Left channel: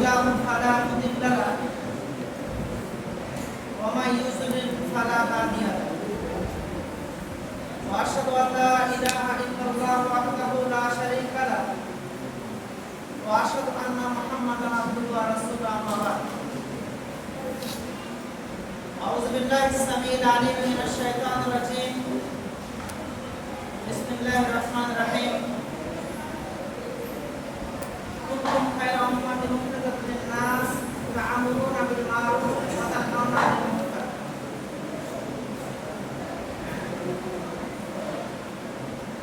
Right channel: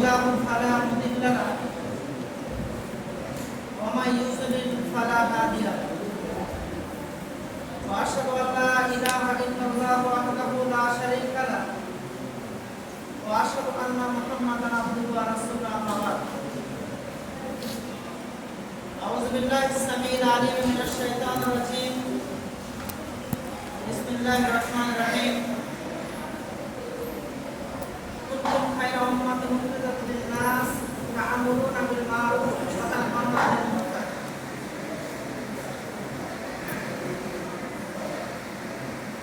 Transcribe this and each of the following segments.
الله فلا مضل له ومن يضلل فلا هادي له واشهد ان لا اله الا الله وحده لا شريك له واشهد ان محمدا عبده ورسوله اما بعد اعوذ بالله السميع العليم من الشيطان الرجيم بسم الله الرحمن الرحيم كنتم خير أمة أخرجت للناس تأمرون بالمعروف وتنهون عن المنكر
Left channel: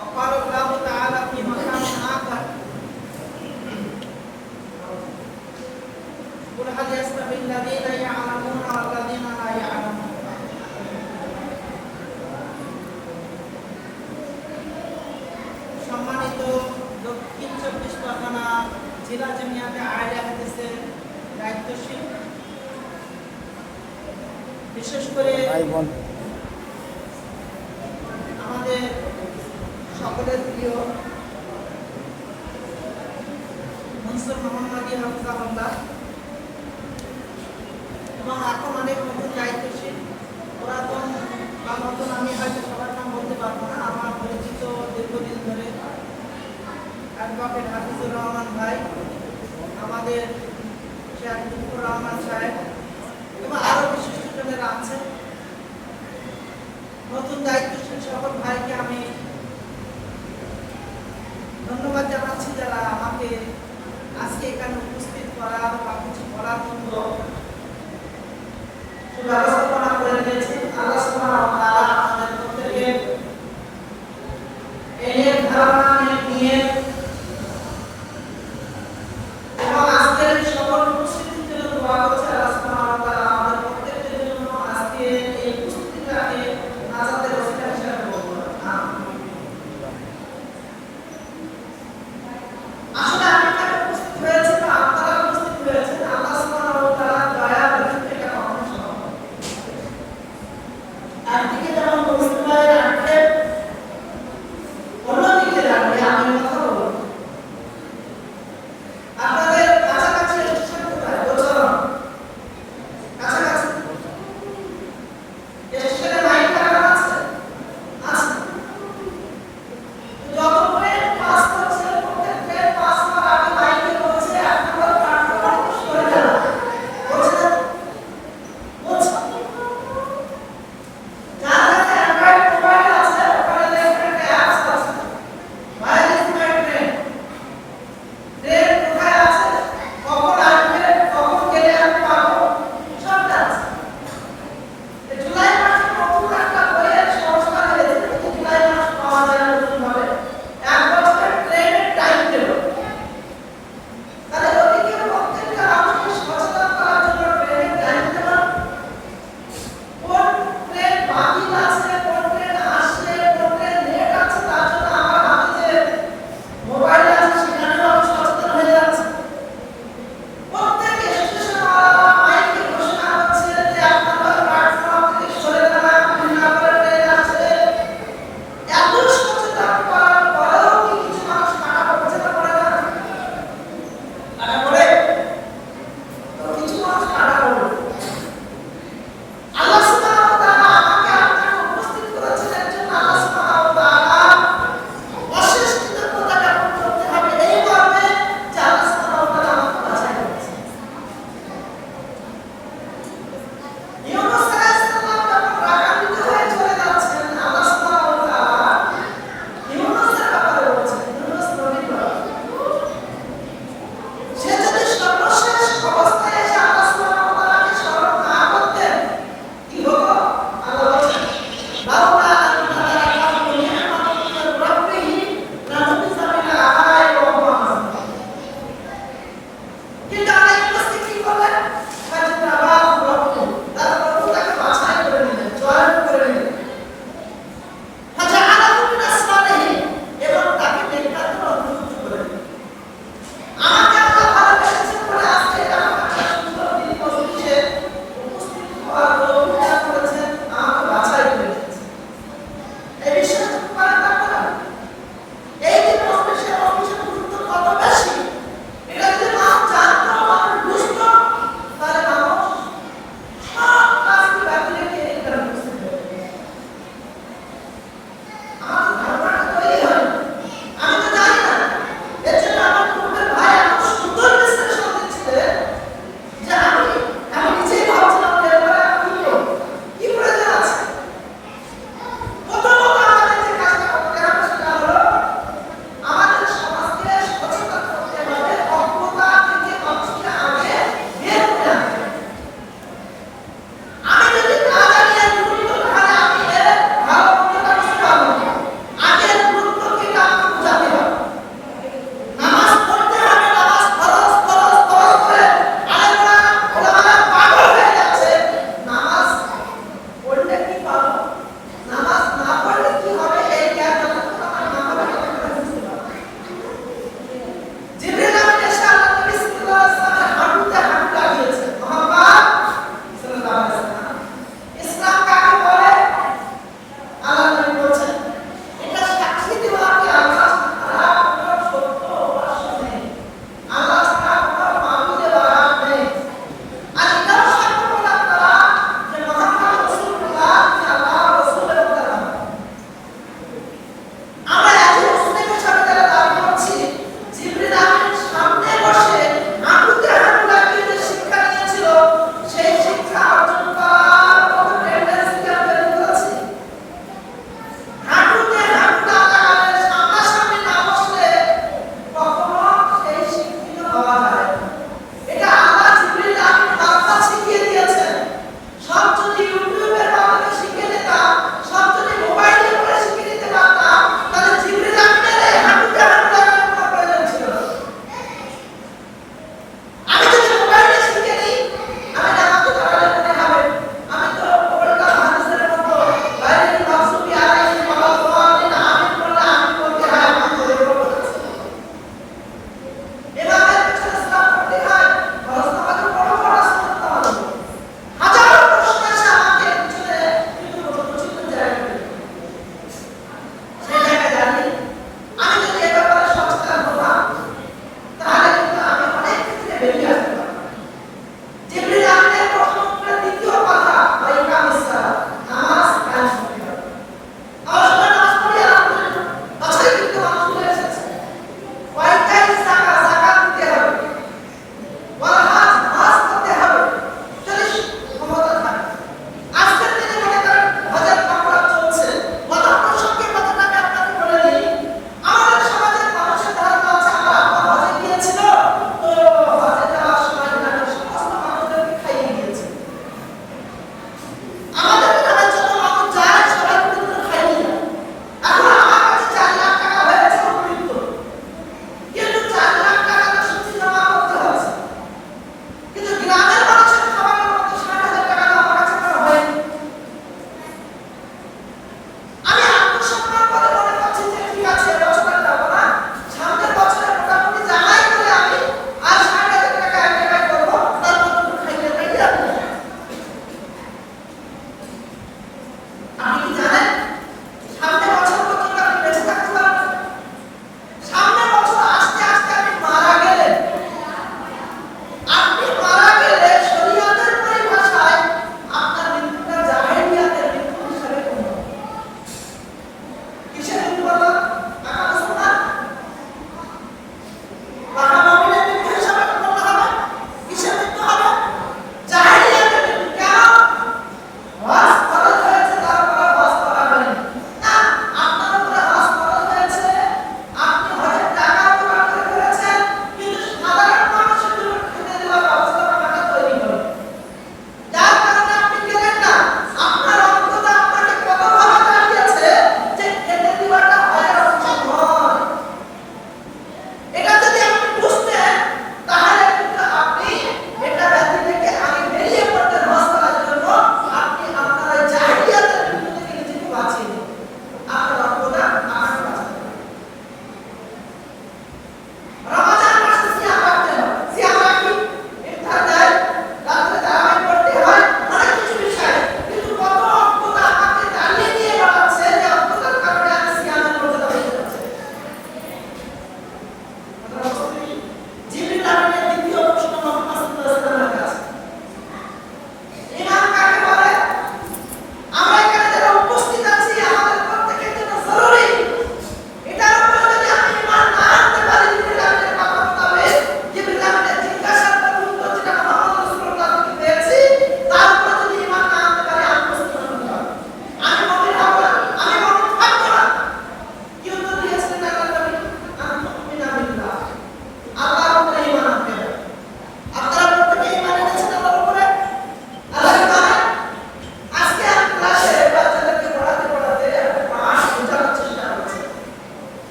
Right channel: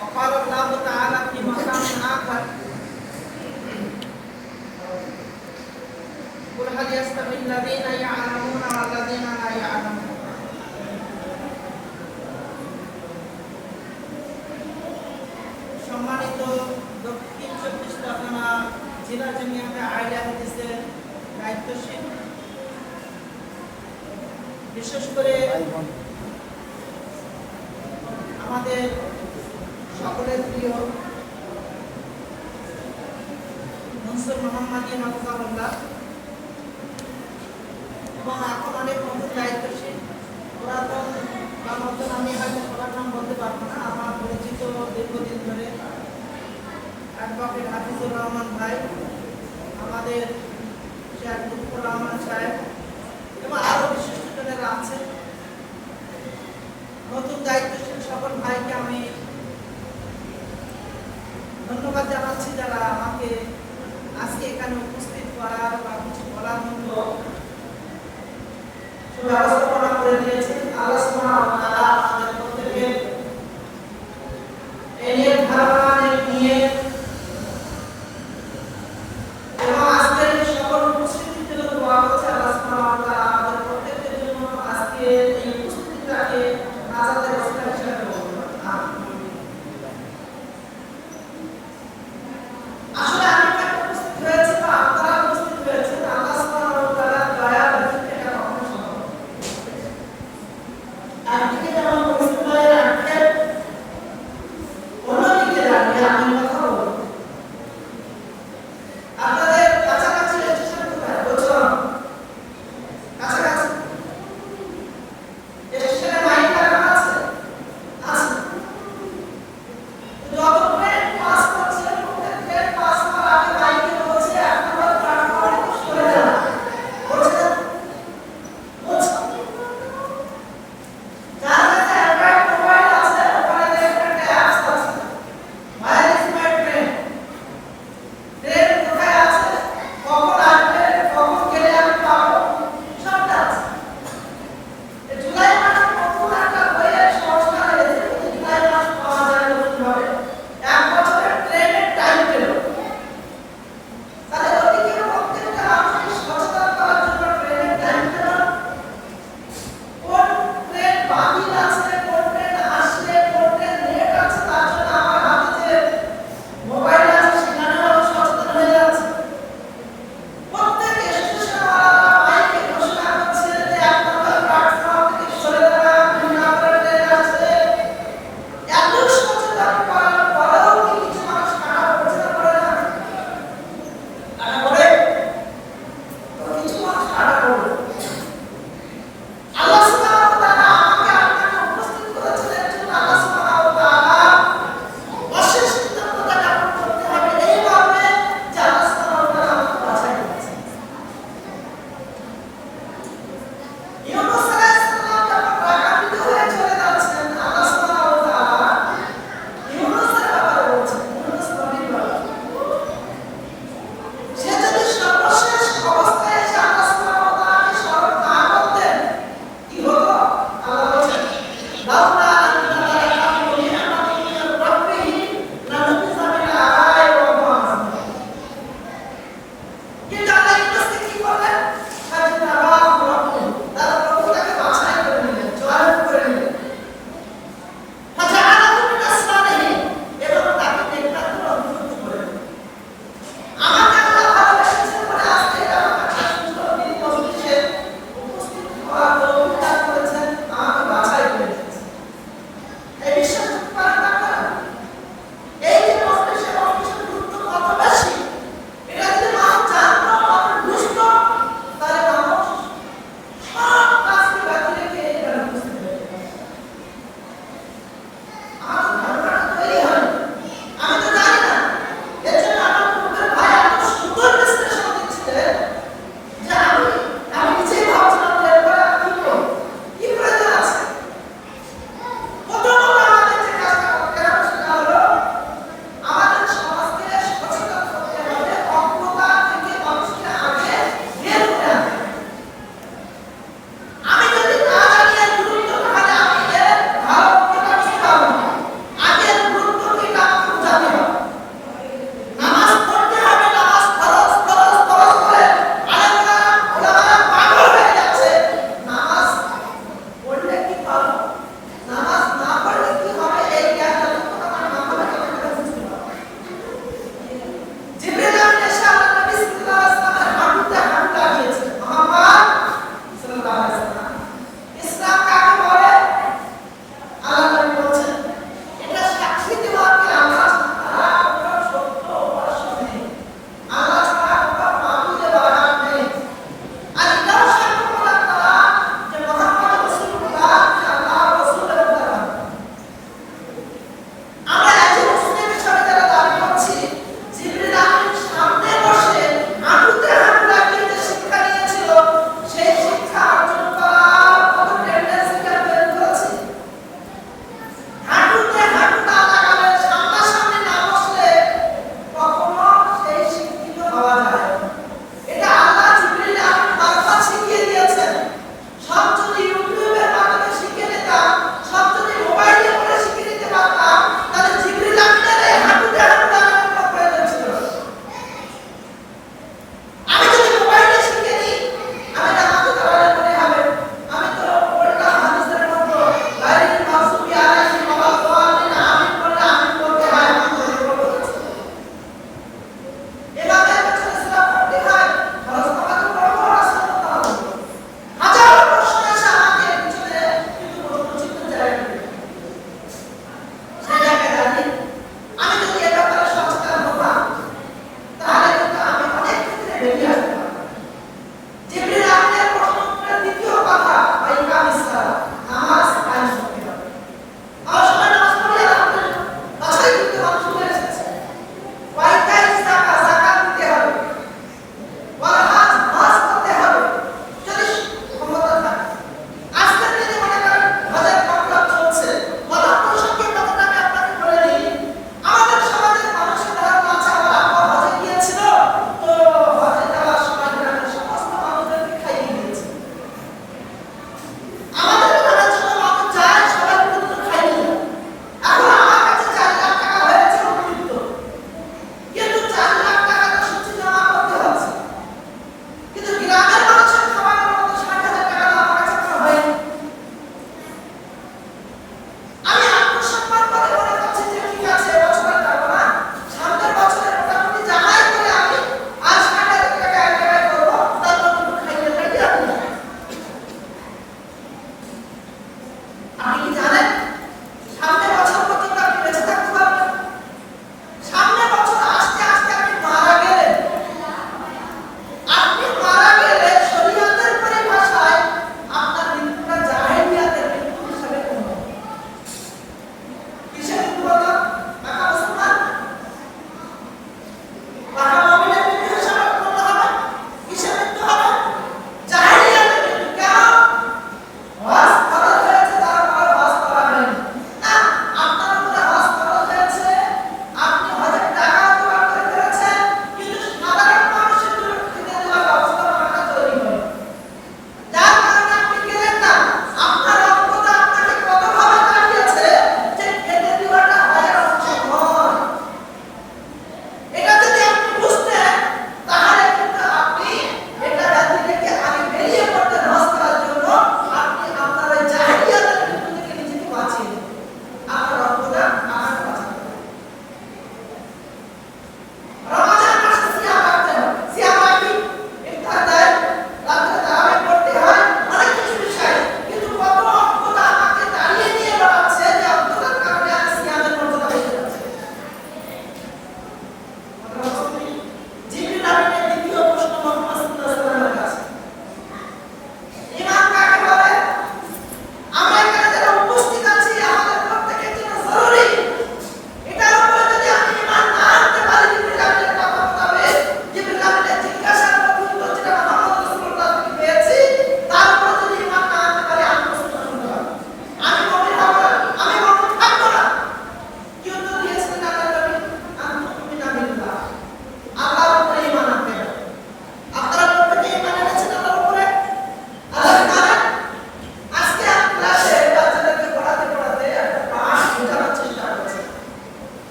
وقال الله تعالى في مكان آخر قل هل يستوي الذين يعلمون والذين لا يعلمون সম্মানিত দক্ষিণ চব্বিশ পরগনা জেলা জামিয়াতে আহলে হাদিসের দায়িত্বশীল, বিশেষ করে আমাদের সকলের প্রিয় মনসুর মোহাম্মদী হাফিজাহুল্লাহ এবং এখন অনেক নতুন দায়িত্বশীল পুরাতন বা নতুন, আমি হয়তো সবার নাম বলতে পারবো না, আমার পরিচিত দীর্ঘদিন ধরে অ্যাডভোকেট হাফিজুর রহমান ভাই, আমাদের শেখ লুৎফর রহমান সাহেব এবং আরও বিশিষ্টজনেরা আছেন। নতুন দায়িত্বশীল সকল ভাইকে আমি ধন্যবাদ জানাচ্ছি যারা আমাকে আজকে এখানে উপস্থিত করার বা কিছু বলার মতো ব্যবস্থাপনা করে দিয়েছেন। আল্লাহ সুবহানাহু ওয়া তাআলা আমাদের প্রত্যেককে এই ধারণা নিয়ে এবং আজকের সকল উপস্থিতির জন্য দোয়া করছি। আল্লাহ সুবহানাহু ওয়া তাআলা আমাদের প্রত্যেকের জন্য আজকে এই উপস্থিতিটাকে নাজাতের ওসিলা হিসেবে কবুল করুন। আসলে আমি এখানে উপস্থিত হয়েছি বা আপনারা উপস্থিত হয়েছেন, আল্লাহ সুবহানাহু ওয়া তাআলা দয়া করতে এটা কখনো সম্ভব নয়। একদিকে যেমন মুসলিম ভাইয়ের আক্ষেপ, অন্যদিকে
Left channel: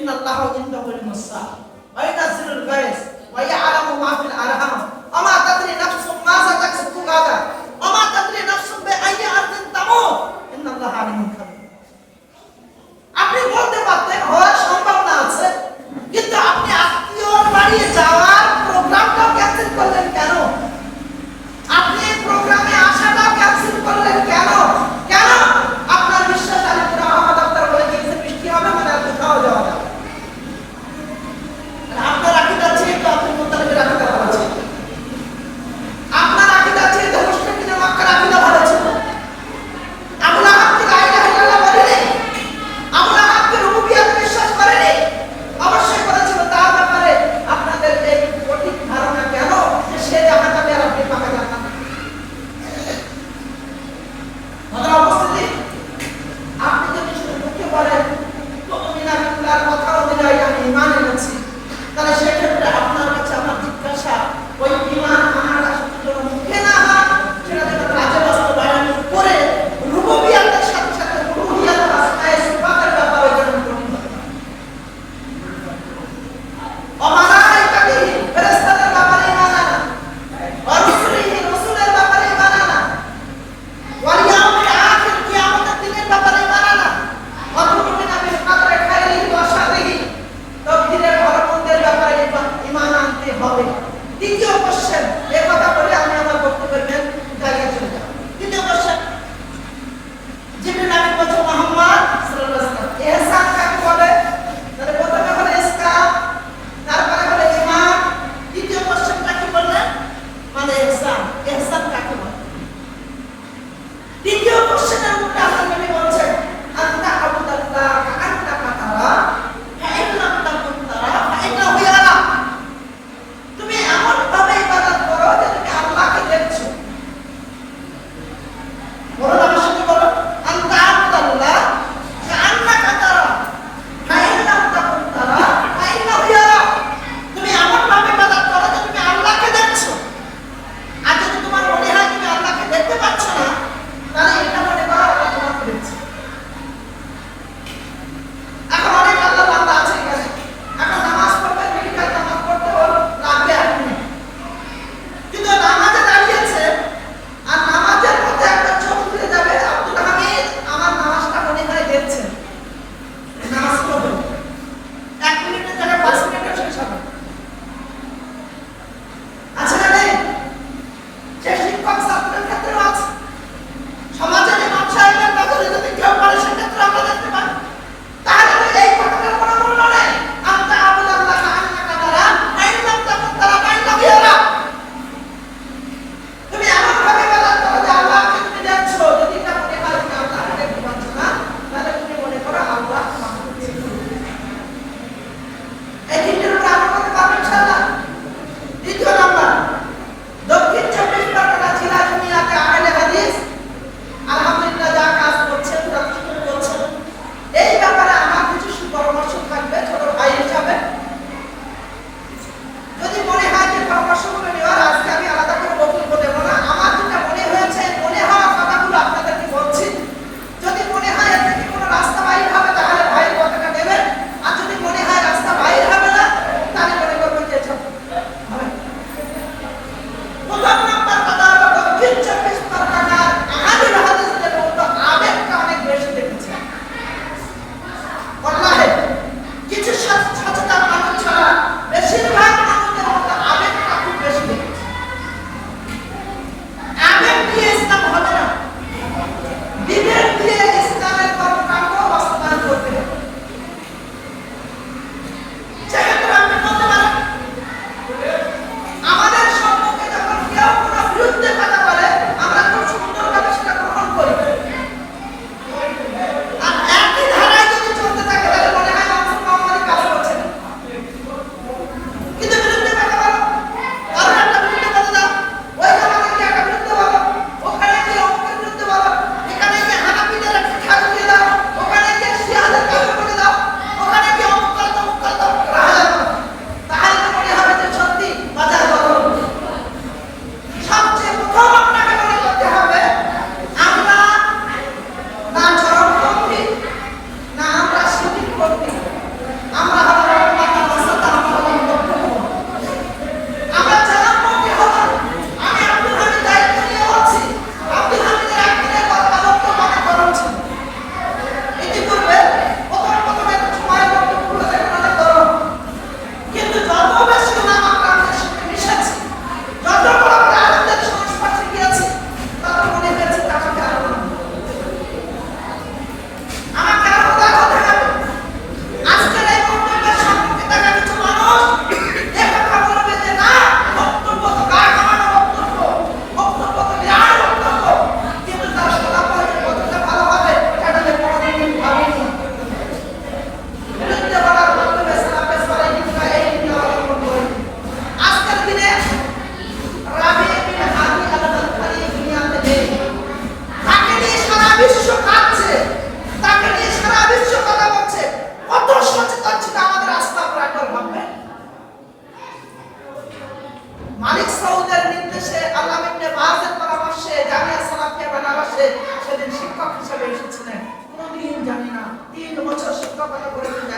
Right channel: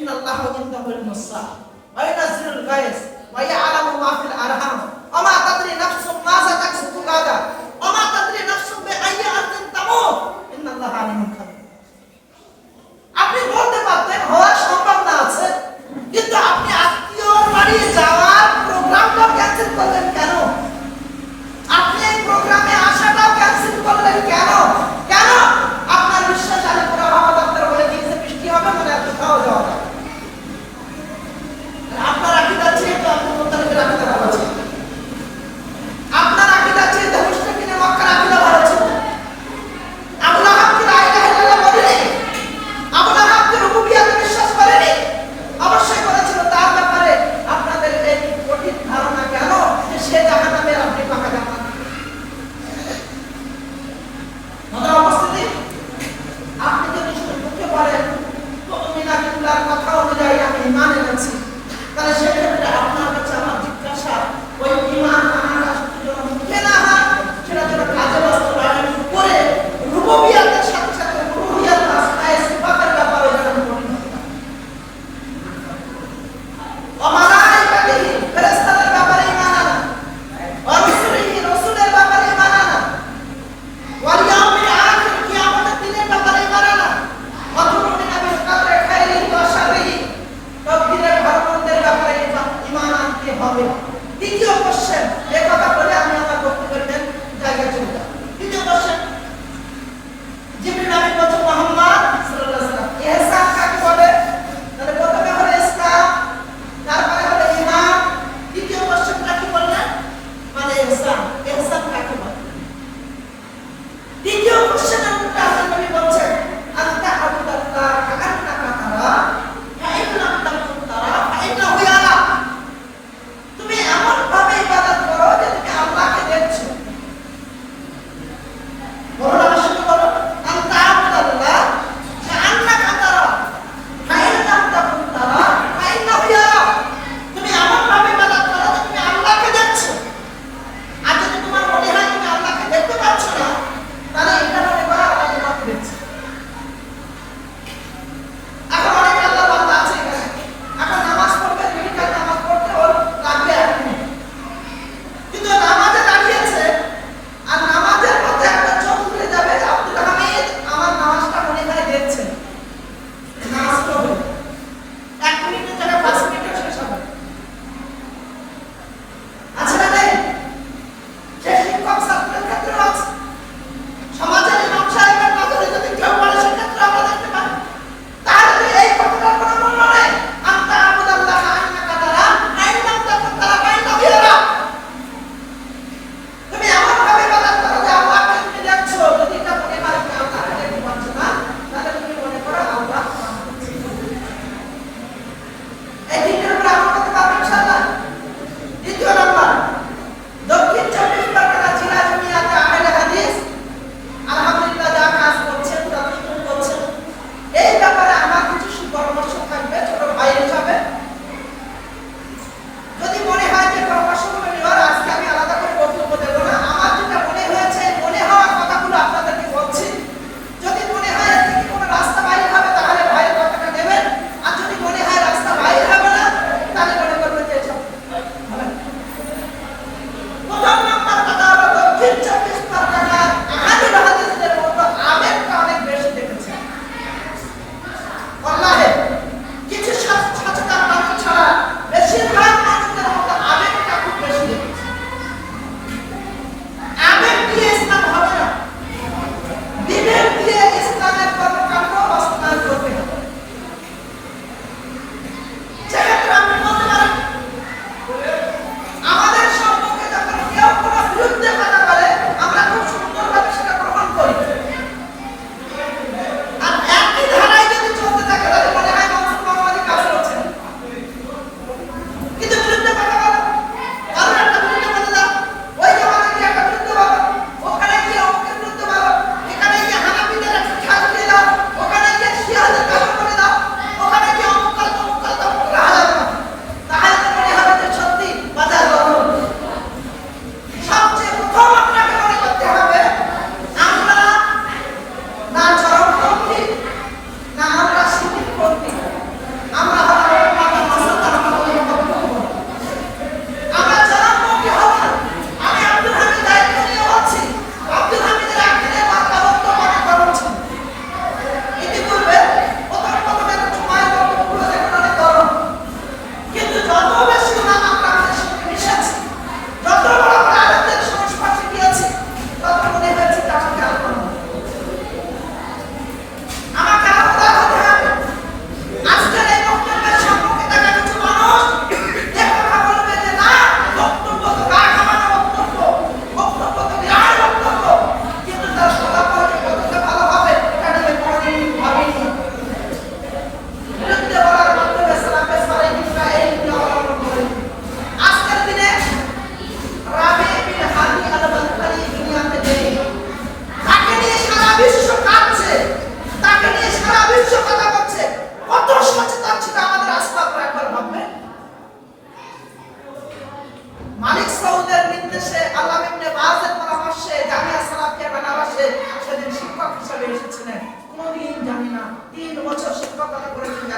ইন্নাল্লাহা ইনদাহুল মুসা ওয়া ইয়ানজিলুল গায়স ওয়া ইয়ালামু মা ফিল আরহাম ওয়া মা তাদরি নাফসুম মাযা তাকসিবু গাদা ওয়া মা তাদরি নাফসুম বিআইয়ি আরদিন তামুত ইন্নাল্লাহা আলিমুন খাবীর। আপনি বলতে পারতেন হওয়ার সম্ভাবনা আছে, কিন্তু আপনি আত্মীয়র বাড়ি যাওয়ার প্রোগ্রামটাও ক্যান্সেল করলেন কেন? আপনি এই প্রোগ্রামে আসাটাও ক্যান্সেল করলেন কেন? কেন? আপনার বিশ্বাস আলিপুর আহমদ আক্তার বলে গিয়েছে বৃষ্টি হবে মানে আর কোথাও যাওয়া যাবে। আপনার আকীদা চেয়ে তো আব্দুল মুত্তালিবের আকীদা ভালো ছিল, আপনার আকীদা চেয়ে তো মুশরিকিনে মক্কার আকীদা ভালো ছিল। আবু লাহাবকে লা ইলাহা ইল্লাল্লাহ বলেনি, আবু লাহাবকে রুবুবিয়্যাতে বিশ্বাস করেনি, অবশ্যই করেছিল। তার ব্যাপারে আপনাদের এই কঠিন ধারণা কেন যে সে জাহান্নামে আর আপনি পাকা জান্নাতে? মাত্র উপস্থিতি, আপনি যদি শুধু মুখে বলেন মুমিনা বিল্লাহর কথা অনুযায়ী আমি ঈমান এনেছি, তাহলে সেক্ষেত্রে আপনার কাছে আমার জিজ্ঞাসা, ওই ঈমান আনাটা শুধু যেন মুখে না হয়, সেটা যেন কাজে বাস্তবায়ন করে রুবুবিয়্যাতের সাথে সাথে উলুহিয়্যাত আসমায়ে সিফাতের ব্যাপারে যেন কঠিন হতে পারে। অমালাইকাতিহি ফেরেশতাদের ব্যাপারে ঈমান আনা, ওয়া রুসুলিহি রাসূলের ব্যাপারে ঈমান আনা, ওয়াল ইয়াউমিল আখির কিয়ামতের দিনের ব্যাপারে ঈমান আনা, ওয়া তুমিনা বিল কদরি খাইরিহি ওয়া শাররিহি, তাকদীরের ভালো-মন্দের ব্যাপারে ঈমান আনতে হবে। দ্বিতীয় কোশ্চেন, এই কথা বলে আমি আমার বক্তব্যের মেন জায়গায় চলে যাব। দ্বিতীয় কোশ্চেন, জিবরিল আমিন বলছেন মুহাম্মদ সাল্লাল্লাহু আলাইহি ওয়াসাল্লাম ইহসান কাকে বলে? তাহলে প্রথমে হলো ইসলাম, তারপরে হলো ঈমান, দ্বিতীয় কোশ্চেনটা কি বললেন? মানে ইহসান। ইহসান কাকে বলে? দ্বিতীয় কোশ্চেনের উত্তর আল্লাহ নবী বলছেন আনতা আবুদাল্লাহ কাআন্নাকা তারা ফাইন লাম তাকুন তারা ফাইন্নাহু ইয়ারাক। তুমি এমন ভাবে ইবাদত করো যে তুমি আল্লাহকে দেখছো। বলো আমার সাথে বলো, আনতা আবুদাল্লাহ কাআন্নাকা তারা ফাইন লাম তাকুন তারা ফাইন্নাহু ইয়ারাক। তুমি এমন ভাবে ইবাদত করো যে তুমি আল্লাহকে দেখছো। আর যদি তোমার মনে হয় তুমি আল্লাহকে দেখতে পাচ্ছ না, তাহলে এটা মনে করো আল্লাহ তোমাকে দেখছে। এখন অনেক আল্লাহর বান্দা আছে এখানে, এখন নামাজ পড়বে, দুইটা নামাজ পড়তে ওর লাগবে 1 মিনিট, কিন্তু নামাজে দাঁড়িয়েছে আর নামাজের মধ্যে একটা চোখ খুলে যাবে, আব্দুল হামিদ আমার নামাজটা মনে হয় দেখছেন, নামাজ পড়বে 1 মিনিটের জায়গায় 5 মিনিটে শেষ হবে। আছে না নেই? সে শিক্ষক ছাত্রের ক্ষেত্রেও আছে, সমাজের ইমাম সাহেবের নজরে যদি কেউ পড়ে সেক্ষেত্রে আমরা দেখতে পাই। তাহলে তো এই কথাটার কোনো মূল্য নেই। আনতা আবুদাল্লাহ কাআন্নাকা তারা ফাইন লাম তাকুন তারা ফাইন্নাহু ইয়ারাক। তুমি এমন ভাবে ইবাদত করো যে আল্লাহকে তুমি দেখছো। যদি এটা মনে হয় তুমি আল্লাহকে দেখতে পাচ্ছ না, তাহলে তুমি মনে করো আল্লাহ তোমাকে দেখছে। এই তিনটের উপরে আমরা করতে পারবো ইনশাআল্লাহ। দ্বিতীয় নাম্বার, দক্ষিণ 24 পরগনা জেলা জমিয়াতে আহলে হাদিস আলহামদুলিল্লাহ যা কাজ করছেন, যথেষ্ট করছেন। এই ব্যাপারে আমার কিছু সুপরামর্শ থাকবে ছোট ভাই হিসাবে। যদি মনে হয় যে পরামর্শগুলো নেওয়ার, আজকে আমি আলাদা করে বক্তব্য দেব না, আমার যেটা মনে হয়েছে, মনে হওয়া কথাগুলো আপনাদেরকে বলছি। যদি মনে হয় এর থেকে কোনো রাস্তা বাইর হবে, তাহলে ভাইয়ের কথাটা নেবেন। আর যদি মনে হয় রাস্তা বাইর হবে না, তাহলে মনে করবেন যে এসব হবে। প্রথম নাম্বার কথা হলো, দক্ষিণ 24 পরগনার আহলুল হাদিসদের মধ্যে আবেগটা অনেক বেশি দেখেছে। ওয়াল্লাহি কিছু সচেতন মানুষ ছাড়া বেশিরভাগ মানুষদের মধ্যে আবেগটা খুব বেশি দেখেছে। আবেগ দিয়ে ইসলাম হবে না, বিবেক দিয়ে ইসলামের কর্মকাণ্ড বাস্তবায়ন করতে হবে। সেক্ষেত্রে আপনি বলতে পারেন, আমাদের সম্পর্কে যখন কেউ কোনো বিরুদ্ধে কথা বলে, আমরা খুব সুন্দরভাবে সেটা গ্রহণ করি। আর একই ধারায় যদি চলতে থাকে, তাহলে মনে হয় মনসুর মোহাম্মদী কাজ করছে না। কিন্তু বিরুদ্ধে কথা বলো, কারণ একটা বিরুদ্ধে বলে দাও, ওই জমানায় কি একটা বিরুদ্ধে বলো, ওখানে কি অমুকের বিরুদ্ধে বলো, এখানে কি হানাফিদের ঠাস দিয়ে দাও, ওখানে কি শিয়াদের কাজল করে দাও, ওখানে কি অমুক করে তমুক করে হাজার কথা। তাহলে তো মনে হবে যে সত্যি বাজার গরম। সবচেয়ে প্রথম আপনাকে মনে করতে হবে, আমরা না চরমপন্থী, না আমরা শিবিরপন্থী, আমরা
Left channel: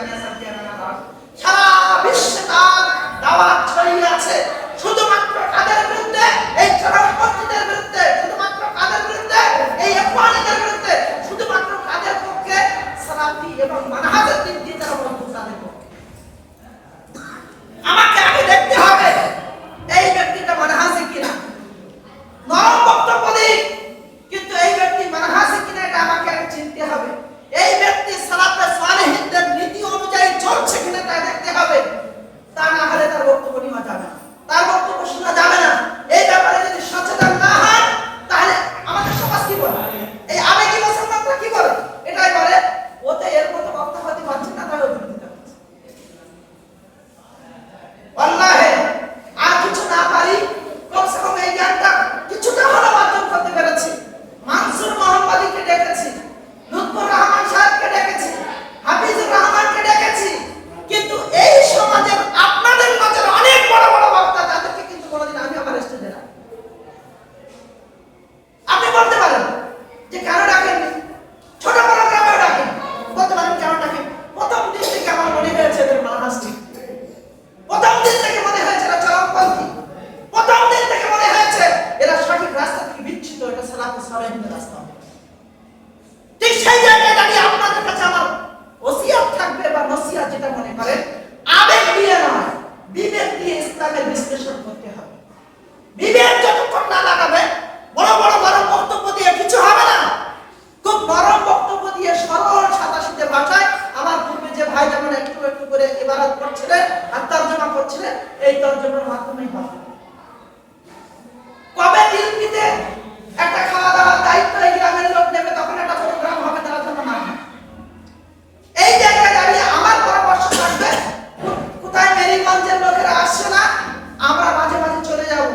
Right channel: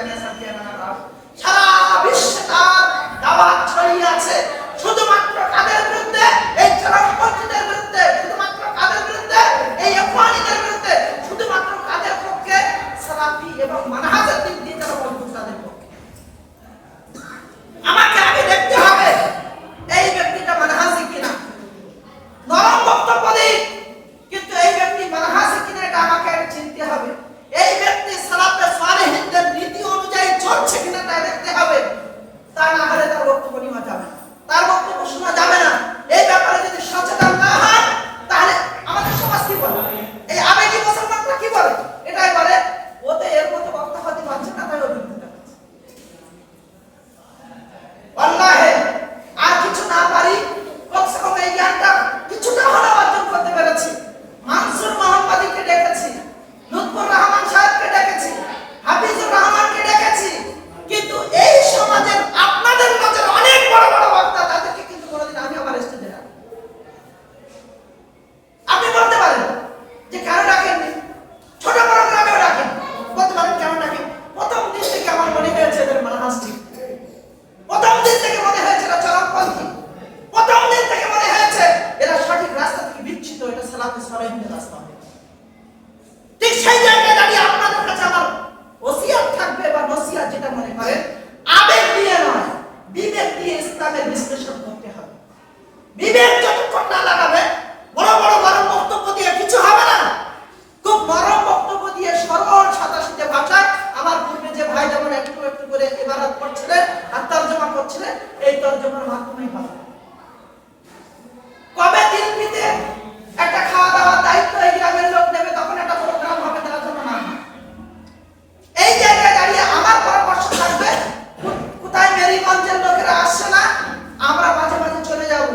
জামিয়া সালফিয়া নানার সারা বিশ্বে তার দাওয়াত ছড়িয়ে আছে। শুধুমাত্র কাদের বিরুদ্ধে? এই চরমপন্থীদের বিরুদ্ধে। শুধুমাত্র কাদের বিরুদ্ধে? এই ইখওয়ানিদের বিরুদ্ধে। শুধুমাত্র কাদের পক্ষে? সালাফি এবং মানহাজের দিক দিয়ে যারা মজবুত তাদের পক্ষে। আমাকে আগে দেখতে হবে এই ব্যক্তিটা মানহাজে কিনা। নরম বক্তব্য দিই, কিন্তু এই ব্যক্তি মানহাজে কিনা এটা আমাকে আগে চিনতে হবে। এই ব্যক্তি সালাফে সালেহিনদের নীতি অনুযায়ী চলছে কিনা তা দেখতে হবে। তা না হলে তার বক্তব্য নেওয়া যাবে না, তার বক্তব্য শোনা যাবে না। এই ব্যাপারে যদি সচেতন না হয় তাহলে আমাদের সমাজ কি বলে, এই আবেগী মুসলমানরা কি বলে? এটাই বলে ওতে এর মতো বক্তা হতে পারছে না, তাই অভিজ্ঞতা হচ্ছে। আল্লাহে আর কিছু না পারি, কমসে কম এই জ্ঞানটা কিছুটা হলেও অর্জন করতে পেরেছি। মানসুর মোহাম্মদীকে ডেকেছি, লুৎফুর রহমান সাহেবকে ডেকেছি, হাফিজুর রহমানকে ডেকেছি, কিন্তু এই সমাজের আপনাদের নজরে অনেক বড় বড় বক্তা, তাদেরকে কিন্তু কোনোদিন আমি আমার স্টেজে রাখি। আপনি বলতে পারেন যে কেন ডাকেননি, ছোট বড় গ্রামেও ডাকেন, বলতে পারেন কেন ডাকেন। প্রথম দিন থেকে আমার মনে হয়েছে এদের মানহাজ ঠিক, প্রথম দিন থেকে মনে হয়েছে এরা চরমপন্থী, প্রথম দিন থেকে মনে হয়েছে এরা সঠিক রাস্তা থেকে বিচ্যুত, এটা সালাফে সালেহিনদের রাস্তা হবে। ঠিক সেই জায়গায় দাঁড়িয়ে আপনাদের কাছে আমার ওসিয়ত থাকবে বা নসিহত যেটা মনে করেন, আবেগ দিয়ে নয়, বিবেক দিয়ে ইসলামের বিশ্লেষণ করতে হবে। বিবেক যতক্ষণ না লাগাবে, বড় বড় নরম বক্তব্য দিয়ে কিছু হবে না। খুব নরম বক্তব্য দিয়ে সরল সাদাসিধে ভাষায় আমার পূর্বে যে ভাই যেমন একটু একটু করে ইবারত করছিলেন আর তরজমা করছিলেন, এই তরজমার মাধ্যমেই হবে। কবে দিল্লিতে একটা খাওয়া দাওয়ার দায়িত্ব এই গ্রামের লোক নেবে, তখন একটা প্রোগ্রাম হবে তার জন্য না। এই জায়গায় দাঁড়িয়ে আমার পরামর্শ থাকবে, কোথায় মেরিগঞ্জের লোকেরা আসছে না, আমরা মাঝে মাঝে চলে যাব,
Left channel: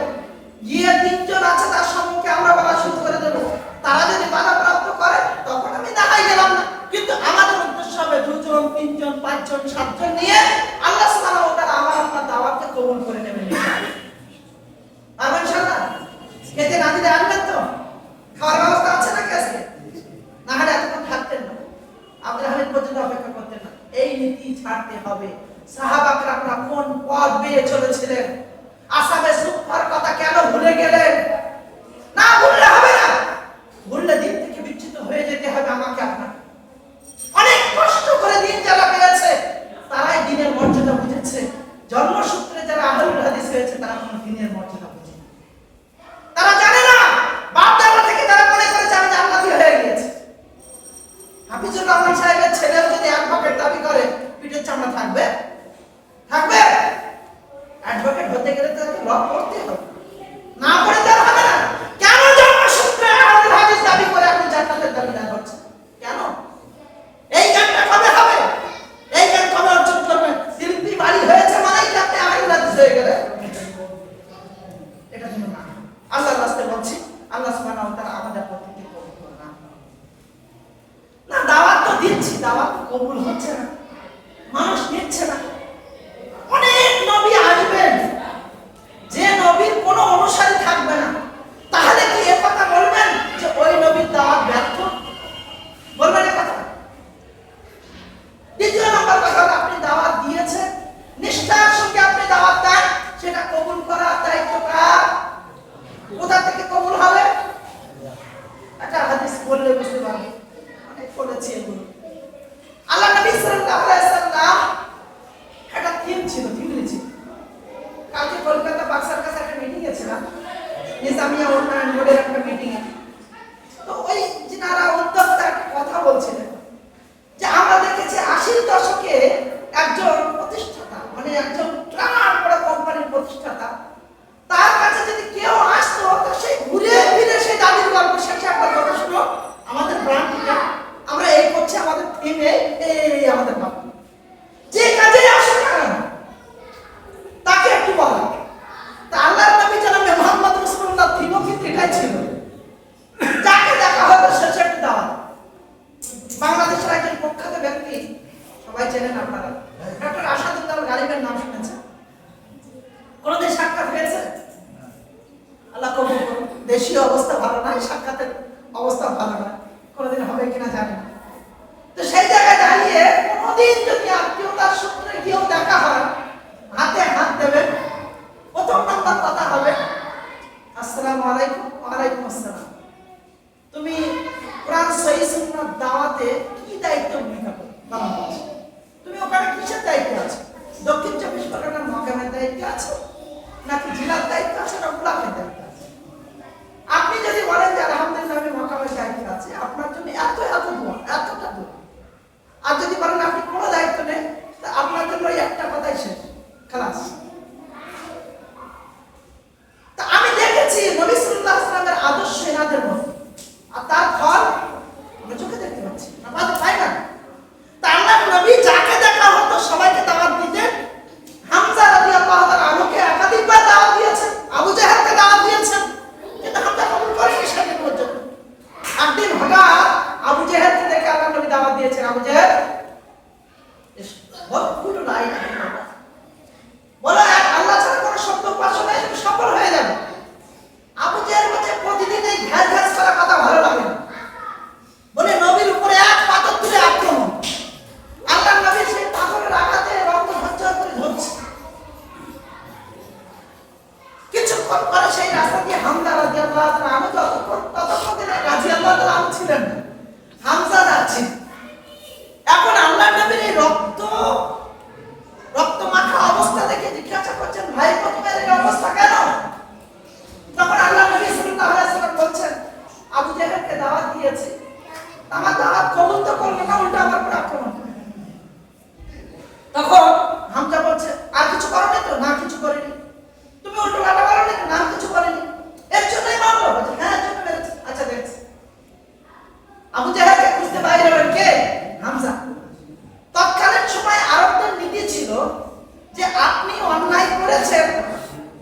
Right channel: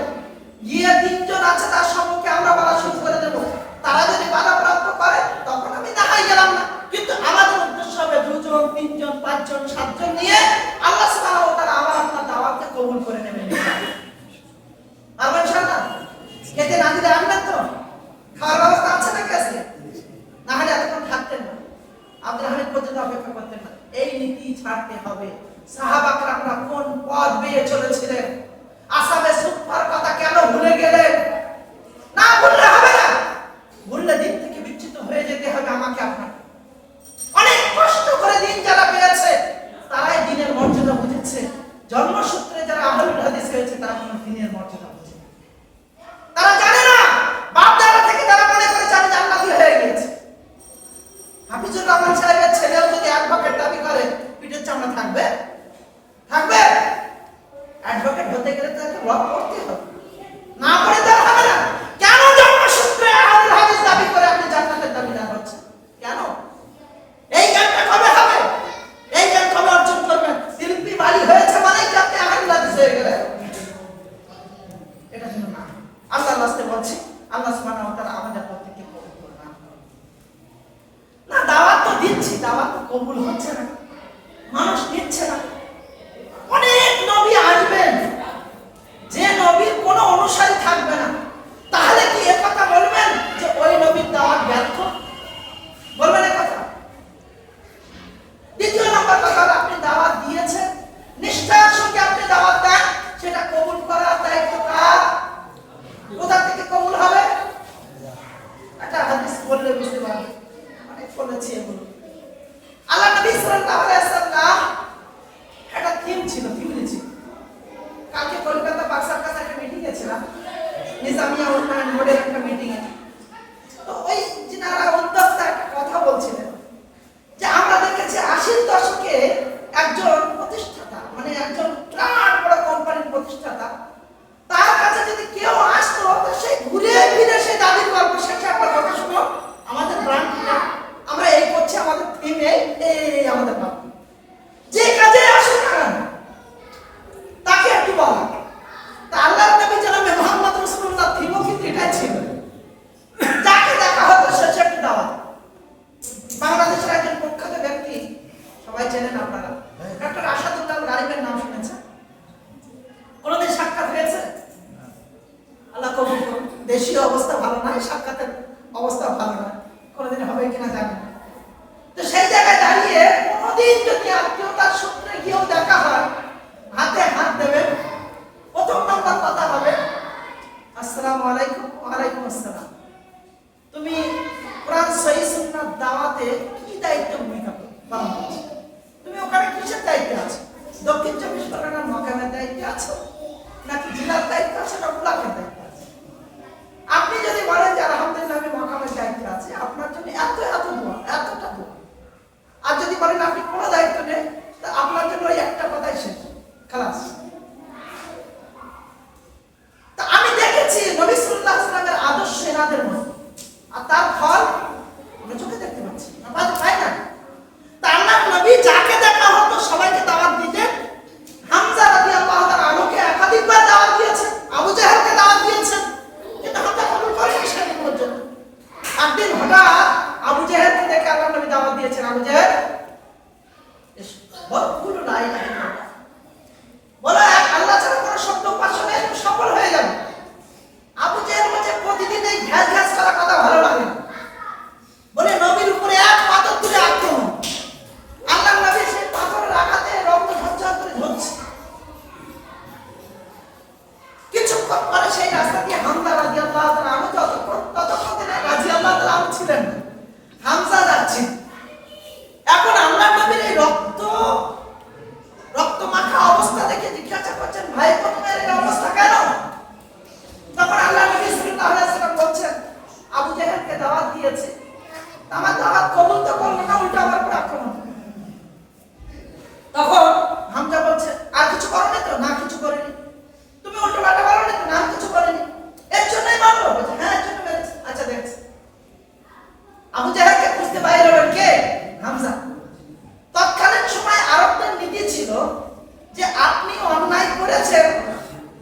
গিয়ে তিনজন আছে তার সম্মুখে আমরা বলা শুরু করে দেব। তারা যদি বাধাপ্রাপ্ত করে তখন আমি দেখাই গেলাম না, কিন্তু আমাদের উদ্দেশ্য হবে 2 জন 3 জন 5 জন 7 জন নিয়ে আল্লাহ সুবহানাহু ওয়া তাআলা আমার আপনার দাওয়াতকে কবুল করে নেবেন। ইনশাআল্লাহ খেতে না দিলে আসবেন তো? খাওয়ার ব্যবস্থা আছে নাকি আজকে? না হলে এতক্ষণ থাকতেন না, আব্দুল হামিদ পর্যন্ত অপেক্ষা করতেন না। এই নীতি ছাড়তে হবে। সাহাবা কেরামরা কোন পথ বেয়ে চলেছিলেন, আসাবে সুফার কথা কেন ভুলে গেলেন? না ভুললে হবে না, ভুললে দিন থেকে বিচ্যুত হয়ে যেতে হবে আমাকে আপনাকে। অনেক কষ্ট করে দিন যারা পেয়েছে তারাই দিনের মর্যাদা বুঝেছে। জন্মসূত্রে যারা আহলুল হাদিস হয়েছে তারা কোনো দিনের মর্যাদা বুঝে, তারা জানে না। বাপ দাদা থেকে তারা মনে করেছে আমি জান্নাতি হয়ে গিয়েছি। হাফিজুর রহমান সাহেবের ছেলেও যদি অ্যাডভোকেট দাবি করে, পিঠের চামড়া থাকবে? থাকবে? অ্যাডভোকেট হতে গেলে তো একটা ল পড়তে হবে, না পড়ে তো হবে না। কেন জন্মসূত্রে আহলুল হাদিস দাবি করে আপনি জান্নাতের দাবিদার হচ্ছেন? কেন? এই জ্ঞানটা কবে হবে? এই জ্ঞান কবে অর্জন করবেন? শিল্পী বাড়ি হয়েছে মানেই কি আপনি আহলুল হাদিস হয়ে গেলেন? এটা জন্য না, আল্লাহর রাস্তায় বলছি, আল্লাহ সুবহানাহু ওয়া তাআলা আমাদের প্রত্যেককে কবুল করুন। না দাওয়াত তো দিচ্ছি, দাওয়াত তো কবুল হচ্ছে না, মানুষ নিচ্ছে না। অনেক নবী আসবেন, যে নবীর কোনো অনুসারী থাকবে না, তাহলে কি এ কথা বলবেন যে ওই নবীর দাওয়াত ব্যর্থ? বলবেন এ কথা? দ্বিতীয় নম্বর কথা হলো, আপনি দাওয়াত দিয়েছেন, নিষ্ঠার সঙ্গে আপনি দাওয়াত দেন, সেটা কবুল করার দায়িত্ব কার? কোথা থেকে কবুল হবে? একটা হাদিস বললে বুঝতে পারবেন, অনেক বলেছি এগুলো। আল্লাহ নবী সাল্লাল্লাহু আলাইহি ওয়াসাল্লাম একটা থিম ছিল, কালকে কলকাতা বাক্সার কাছে একটা মিটিং এ ছিলাম, নিজামিয়া উন্নয়ন বোর্ডের একটা মিটিং এ। তো ওই যারা উদ্যোক্তা একটা কথা বলছিলেন যে আমরা দেখেছি 80-র দশকে একজন প্রতিষ্ঠাতা, মানে একজন বিরাট বড় কোম্পানির প্রতিষ্ঠাতা, তার কাছে যদি কেউ আসতো তো সেই ঘুরে ফিরে সেই দাদির গল্প শেষে একটা কথা শুনো, আমাদের ব্র্যান্ডটা আমরা এই করছি, আমাদের থিম এই আমাদের ভাব, যে কাজে আসুন না তাকে একটু বলা। তা আল্লাহর নবী জনাবে মুহাম্মদ রাসূলুল্লাহ থিমও কিন্তু এটাই ছিল, যাকে দেখা হতো শেষে একটু দাওয়াত। বাংলাদেশের একজন প্রখ্যাত ব্যক্তি, সবাই চেনেন আপনারা, ডক্টর আসাদুল্লাহ গালিবের নাম শুনেছেন? কোনদিন সাক্ষাৎ হয়েছে? আল্লাহ কবুল করুন। দেশীয় অবস্থা ভালো নয়, সাক্ষাতের অবস্থা ভালো নয়, কোনদিন হবে কিনা জানি না। তো সেই জায়গায় দাঁড়িয়ে কোনদিন যদি আত্মীয় দায়িত্বে আছে? দক্ষিণ 24 পরগনার মহকামের দায়িত্বে আছে, নাকি জেলার দায়িত্ব আছে, না ব্লকের দায়িত্ব আছে? আপনি যদি বলেন যে আলহামদুলিল্লাহ আমি মহকামের দায়িত্বে আছে, আপনার জন্য এত দোয়া, এতটা দোয়া। আর যদি বলেন আপনি কোনো দায়িত্ব নেই, তা আপনার জন্য ওই একটা কথাই শেষ, খালাস। তা আমি দেখেছি নবী সাল্লাল্লাহু আলাইহি ওয়াসাল্লামের আদর্শ এনাদের মধ্যে, আর তার ফল আমরা চোখে দেখতে পাচ্ছি না, পাই না। তা আল্লাহর নবী যাকে দেখা হতো সবাইকে দাওয়াত দিতেন। হামজা রাদিয়াল্লাহু তাআলা আনহুকে একাধিকবার দাওয়াত দিয়েছেন, আবু জাহেলকে দাওয়াত দিয়েছেন, কিন্তু হামজা কবুল করেনি সেদিন পর্যন্ত। একদিন হঠাৎ আবু জাহেলকে দেখে আল্লাহর নবী দাওয়াত দিয়েছেন, আবু জাহেল বলো লা ইলাহা ইল্লাল্লাহ, বলো এক আল্লাহ ছাড়া কোনো সত্য উপাস্য নেই, তুমি সফল হয়ে যাবে। আবু জাহেল বলছে প্রতিদিন এই ঘ্যাস করা কথা ভালো লাগে না, বলে নবীর উপরে এক পাথর তুলে আক্রমণ। আল্লাহর নবী সেই পাথরের আঘাতে রক্ত ঝরঝর করে ঝরছে। কিছুক্ষণ পরে সেই রাস্তা দিয়ে হামজা রাদিয়াল্লাহু তাআলা আনহু ততক্ষণ দিনে রাদিয়াল্লাহু তাআলা আনহু ছিলেন না, হামজা যাচ্ছেন। এখন আল্লাহর নবীর এই রক্ত মাখা অবস্থা দেখে জিজ্ঞাসা করছেন, ভাই তোমার এই অবস্থা কেন? তখন আল্লাহ নবী সাল্লাল্লাহু আলাইহি ওয়াসাল্লাম বলছেন, আবু জাহেলকে দাওয়াত দিয়েছে, আমার দাওয়াত কবুল তো করলো না, উল্টা আমার উপর আক্রমণ করে। তখন হামজা বলছে, আর কিছু করোনি তো? না কিছু করিনি। তুমি উল্টো পাল্টা বলোনি তো? না কিছু করিনি। এর জন্যই মারলো? বলছে হ্যাঁ এর জন্য মেরেছে। আচ্ছা দেখছি। আবু জাহেলকে খুঁজতে বাইরে হলেন কে? হামজা। তৎকালীন সময় আরবদের নীতি ছিল যে আপনি অন্যায় করেছেন,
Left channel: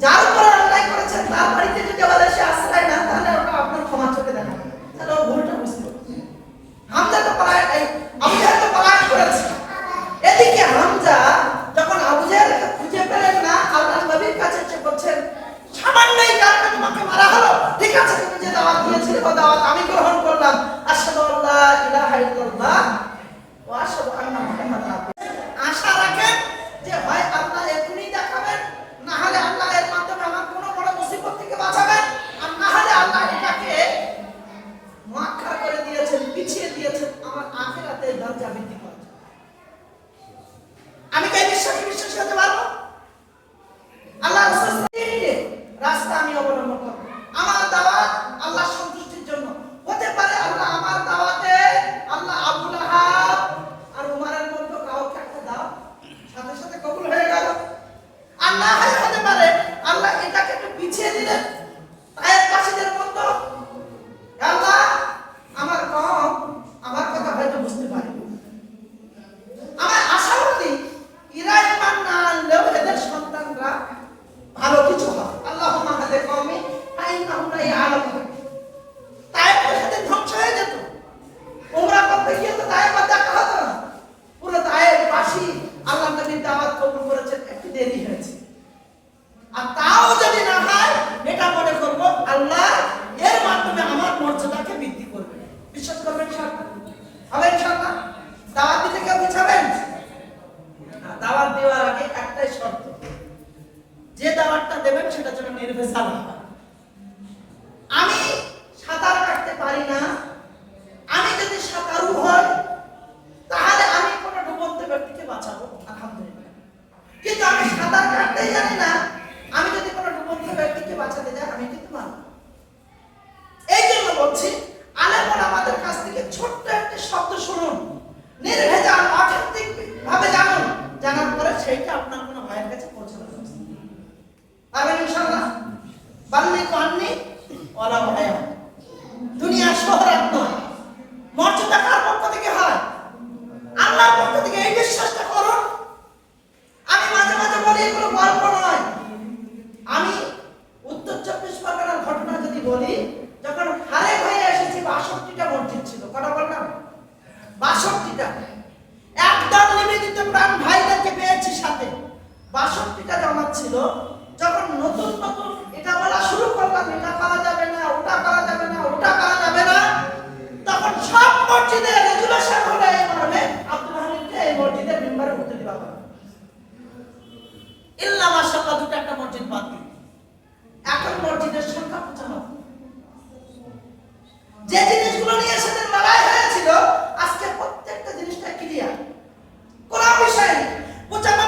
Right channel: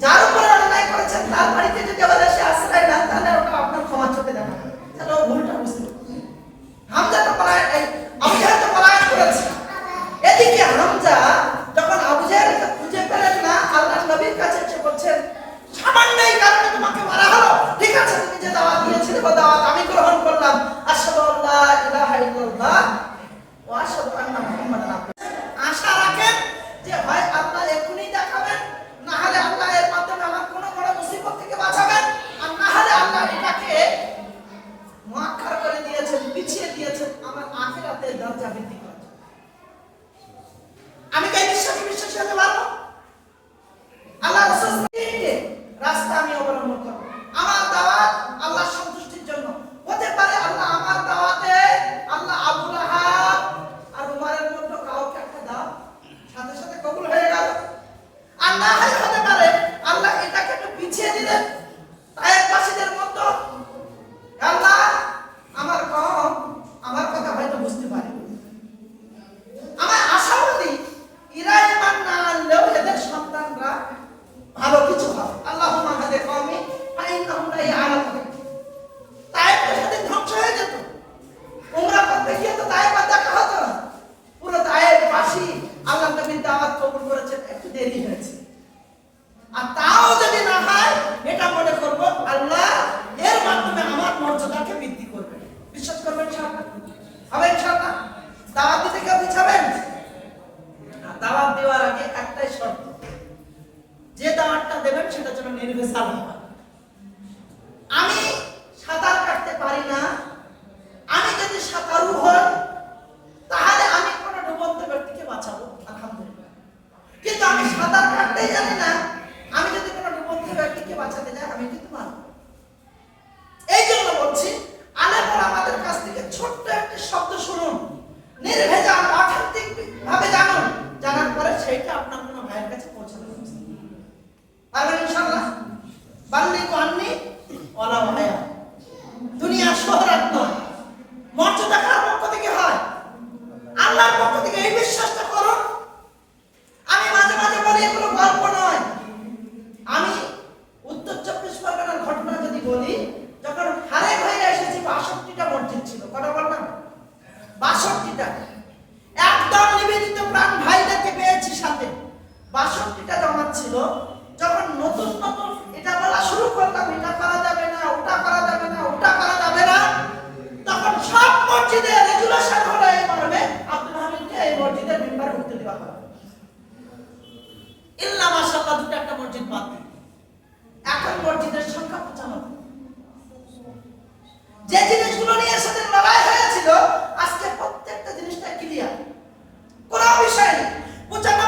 যার উপরে অন্যায় করেছেন তার বাড়িতে যদি আবার এসে আশ্রয় নেন, তাহলে ওটা আপনার ক্ষমা চোখে দেখা, তাহলে ও ভুলটা বুঝতে পারবে। হামজা তো আবু জাহেল তো পলায়ন করেছে। এদিকে হামজা যখন আবু জাহেলকে খুঁজে পেলেন না, আল্লাহর নবীর কাছে এসে বলছেন, সামান্য এই কারণে তোমাকে মারা হলো, ঠিক আছে তুমি যে দাওয়াত দিয়েছিলে ও দাওয়াত আমি গ্রহণ করলাম, আশহাদু আল্লা ইলাহা ইল্লাল্লাহ ওয়া আশহাদু আন্না মুহাম্মাদান আবদুহু। আশা রাখেন যে হয় আল্লাহ এখনই দেখাবেন, না হলে আল্লাহ এর মাধ্যমে আমার কোনো বড় মুসিবত থেকে বাঁচাবেন, আর না হলে আল্লাহ এটাকে মুআক্খার করে দিয়েছেন, পিছিয়ে দিয়েছেন আমার আখিরাতের দরজা বৃদ্ধি করার জন্য। আমি কি বিশ্বাসী হতে পারবো? আল্লাহ রাসূলের রাস্তা আমি অবলম্বন করব। আমার দাওয়াত আল্লাহর সন্তুষ্টির জন্য হতে পারে। আল্লাহ আমার দাওয়াতে আল্লাহ আবু লাহাব আর উমারের মতো কাউকে একটা দাওয়াত সাথে সাথে কবুল হয়ে গেল, আর না হতে পারে আল্লাহ এটাকে একটু পিছিয়ে দিলেন। তায়েফবাসীদের মতো আল্লাহ আমার কম আমার কথা হয়তো বুঝতে পারে, আমার আশাবাদী এরা ইমান না আনলেও এদের সন্তানরা ভালো কিছু হবে। আল্লাহুম্মা হাদি কওমি ফাইন্নাহুম লা ইয়ালামুন। তায়েফ সেদিন ধ্বংস হয়ে যেত, উমরা করতে গিয়ে তো তায়েফ দেখা হতো না। পুরো তায়েফবাসী আল্লাহর নবীর দাওয়াত কবুল করেছেন, একটু দেরি হয়েছে। আর তাও যদি না হয়, এটা মনে করব আল্লাহ এর মাধ্যমে আমার মর্যাদাকে বৃদ্ধি করবেন। বিশ্বাস করবেন ইনশাআল্লাহ? হবে ইনশাআল্লাহ? দাওয়াত দিতে কেউ পিছাবেন? দাওয়াত দেওয়ার আগে একটাই শর্ত, যে দাওয়াতটা দেবেন সেটা যেন নির্ভেজাল হয়। আমি সাঁতার কাটতে পারি না, আমি যদি সাঁতারু হই তাহলে আমি কোনো ডুবন্ত ব্যক্তিকে বাঁচাবো, আলহামদুলিল্লাহ। কিন্তু আমি সাঁতার কাটতেই জানি না, আমি যদি কোনো ডুবন্ত ব্যক্তিকে বাঁচাতে যাই আমি কিন্তু মানব। এই জন্য বলছি, আলেমরা আমাদের কাছ থেকে ছোট্ট একটি শব্দ শুনুন, নির্ভেজাল অথেন্টিক ভাবে জানুন, জানার পরে সেইটা আপনার কোনো ভাইয়ের কাছে পৌঁছানো পারবেন ইনশাআল্লাহ। বাল্লিগু আন্নী ওয়ালাউ আয়া। দুনিয়ার শহরত নয়, মর্যাদা কার পক্ষ থেকে হয়? আল্লাহর পক্ষ থেকে। এই বিশ্বাসটা করুন। আমি মাঝে মাঝে বলি এগুলো গল্প নয়। আমি উত্তর 24 পরগনার ঘটনা যদি বলি, যখন হারেক হয়ে এসেছি ৬২টা মসজিদ ছিল। কটা বললাম? ৬২টা। একদম নিবেদিত প্রাণ ভাইদেরকে পেয়েছি সাথে। ৬২টা জামাত ছিল। যখন নতুন নতুন এটা বলা শুরু করলাম, এটা করা যাবে না, ওটা করা যাবে না, ওটা করা যাবে না, তখন সব মসজিদে রেজুলেশন হলো এই মর্মে, আব্দুল হামিদকে এই মসজিদের মেম্বারে উঠতে দেওয়া হবে, ইল্লা মাশাআল্লাহ দুটো একটা মসজিদ বাদ দিয়ে। এখন মসজিদের সংখ্যা 95। যে জিনিসগুলো নিয়ে সেদিন লড়াই হয়েছিল, আজকে প্রত্যেকটা জিনিসটা ক্লিয়ার, কোনো বিষয় নেই। 95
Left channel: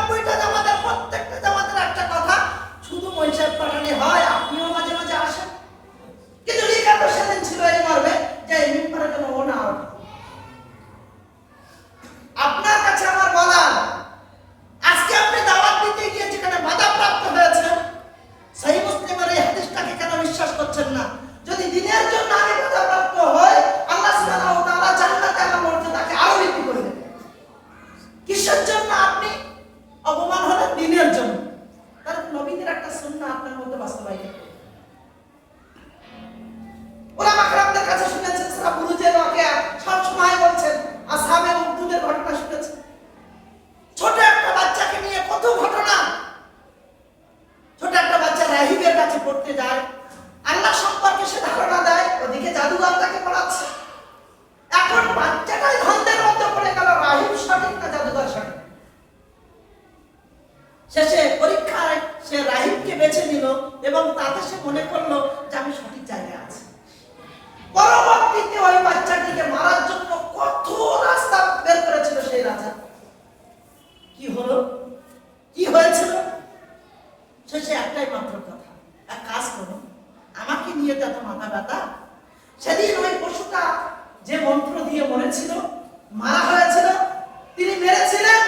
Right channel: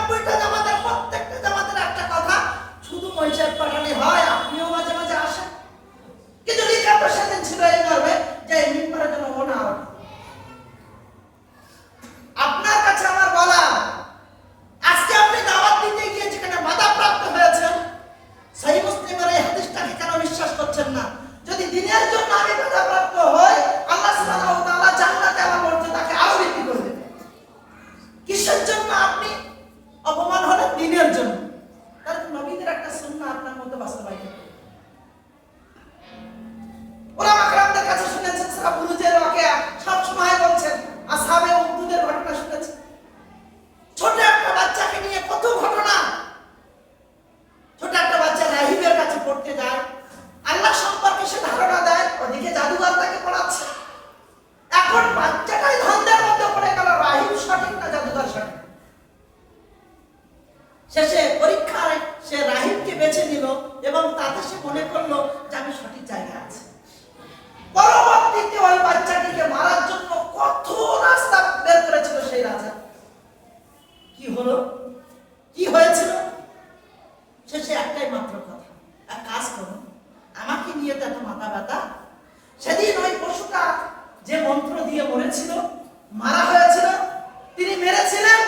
শেষে পরীক্ষায় সে রাহিবকে বেছে নিল এবং তাতে সে মনে করলো যে আমি সঠিক জায়গায় আছি। পরবর্তীতে ওই বাচ্চাটিকে মারার জন্য কত রাস্তা বের করেছিল সেই রাজা। কি হলো, কি হয়েছিল? শেষে একটাই মাত্র কথা, এক কাজ করো, আমাকে নিয়ে তো এত মাথা ব্যথা। সেদিন ওই পশুটা যে মন্ত্র দিয়ে মরেছিল, মারা হয়েছিল, তিনি মেরেছিলেন।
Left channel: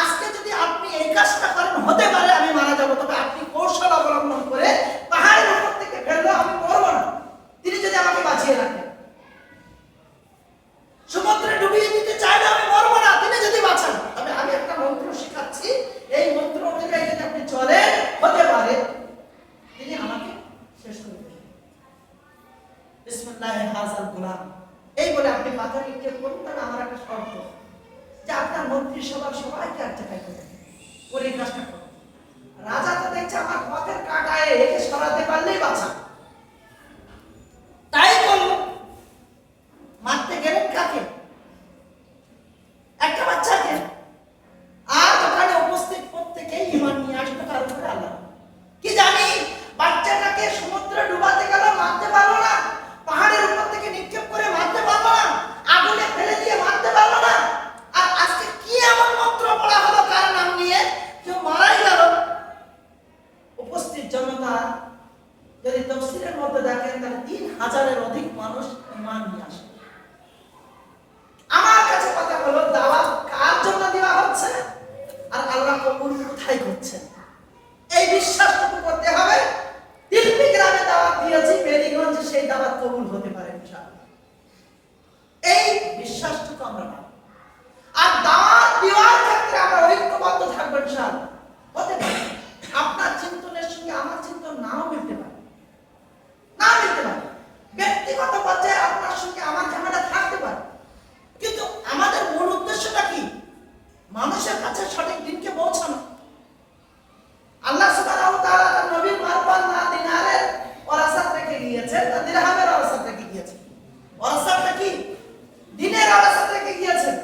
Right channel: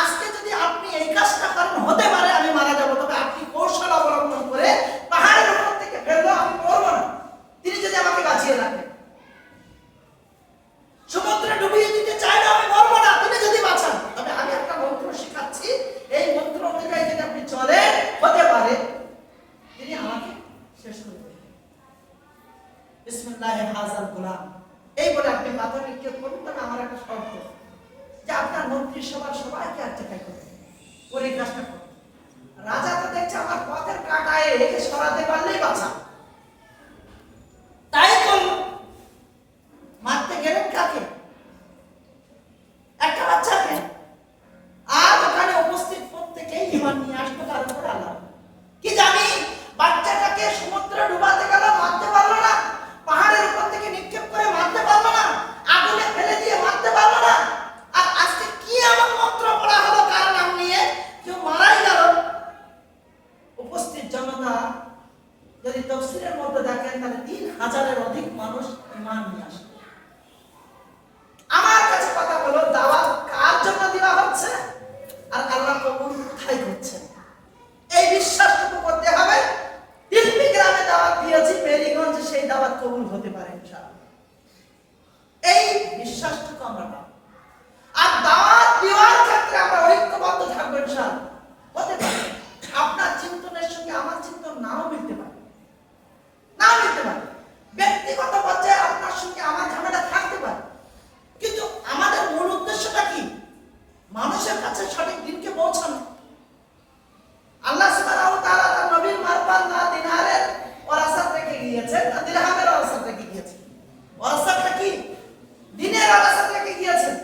আজকে যদি আপনি এই কাজটা করেন, হতে পারে আমি মারা যাবো, তবে আপনি কৌশল অবলম্বন করে পাহাড়ের উপর থেকে ফেললো, আমি মরবো না। তিনি যদি আমাকে বাঁচিয়ে রাখেন, সমুদ্রে ডুবিয়ে দিতে চাইলে আমি মরবো না, তিনি যদি বাঁচান, তবে আমি একটা মন্ত্র শেখাচ্ছি, এই মন্ত্র অনুযায়ী যদি আপনি চলেন, হতে পারে তিনি আমাকে শেষ করে দেবেন। বিসমিল্লাহি হাযাল গোলাম, এই বলে আপনি পাথর নিক্ষেপ করুন, তবে আমার একটা শর্ত, যে আপনার মন্ত্রিসভার সবাইকে এক জায়গায় করে ওর এই কাজটা করুন। রাজা তো দেখছে আমার পথের কাঁটায় একে সরাতে পারলেই বাঁচা, তাই করলো। মারতে গেলেন কাকে? একটা বাচ্চাকে। আর ওখানে উপস্থিত প্রত্যেকেই ঈমান নিয়ে আসতো তার উপরে আল্লাহ। কি জানি বাচ্চাটাকে সমুদ্রে ডুবাতে গেল, মারতে পারলো না। পাহাড়ের উপর থেকে নিক্ষেপ করে মারতে পারলো না। আগুনে ফেলে দিয়ে মারতে পারলো না। আর আজকে কি এমন মন্ত্র পড়া হলো কার নাম নিয়ে, কেউ মারাই গেল। উপস্থিত জনতা যদি তাফসীরের মধ্যে দেখেন, তাহলে 3000-এর অধিক মানুষ ঈমান নিয়ে আসে। আমার কাছে কথা হলো, দাওয়াত কার জন্য দেওয়া হচ্ছে আর আল্লাহ কবুল কোথায় করছেন, এই বিশ্বাসটুকু করতে হবে। তিলপি গ্রামে দাওয়াত দিয়েছি, মেরিগঞ্জে সেই দাওয়াত কবুল হতে পারে ইনশাআল্লাহ। এই বিশ্বাসটুকু আমরা পাবো। আর দাওয়াত দেওয়ার ক্ষেত্রে আমরা ঐক্যবদ্ধ থাকবো ইনশাআল্লাহ। হতে পারে আপনার চিন্তনের সঙ্গে আমার চিন্তন নাও মিলতে পারে, না মিলতে পারে। ব্যক্তিগত পর্যায়ে আপনার সঙ্গে আমার ঝামেলা থাকতে পারে, কিন্তু আমাদের মূল উদ্দেশ্যটা কি? মানুষের কাছে সঠিক দিনকে পৌঁছানো। আল্লাহ সুবহানাহু ওয়া তাআলা তার নবীর মারফত না দিনারের ওরাসাত রেখে গিয়েছেন, না দিরহামের ওরাসাত রেখে গিয়েছেন। ওরাসাতটা কি? দিনের ওরাসাত রেখে গিয়েছেন।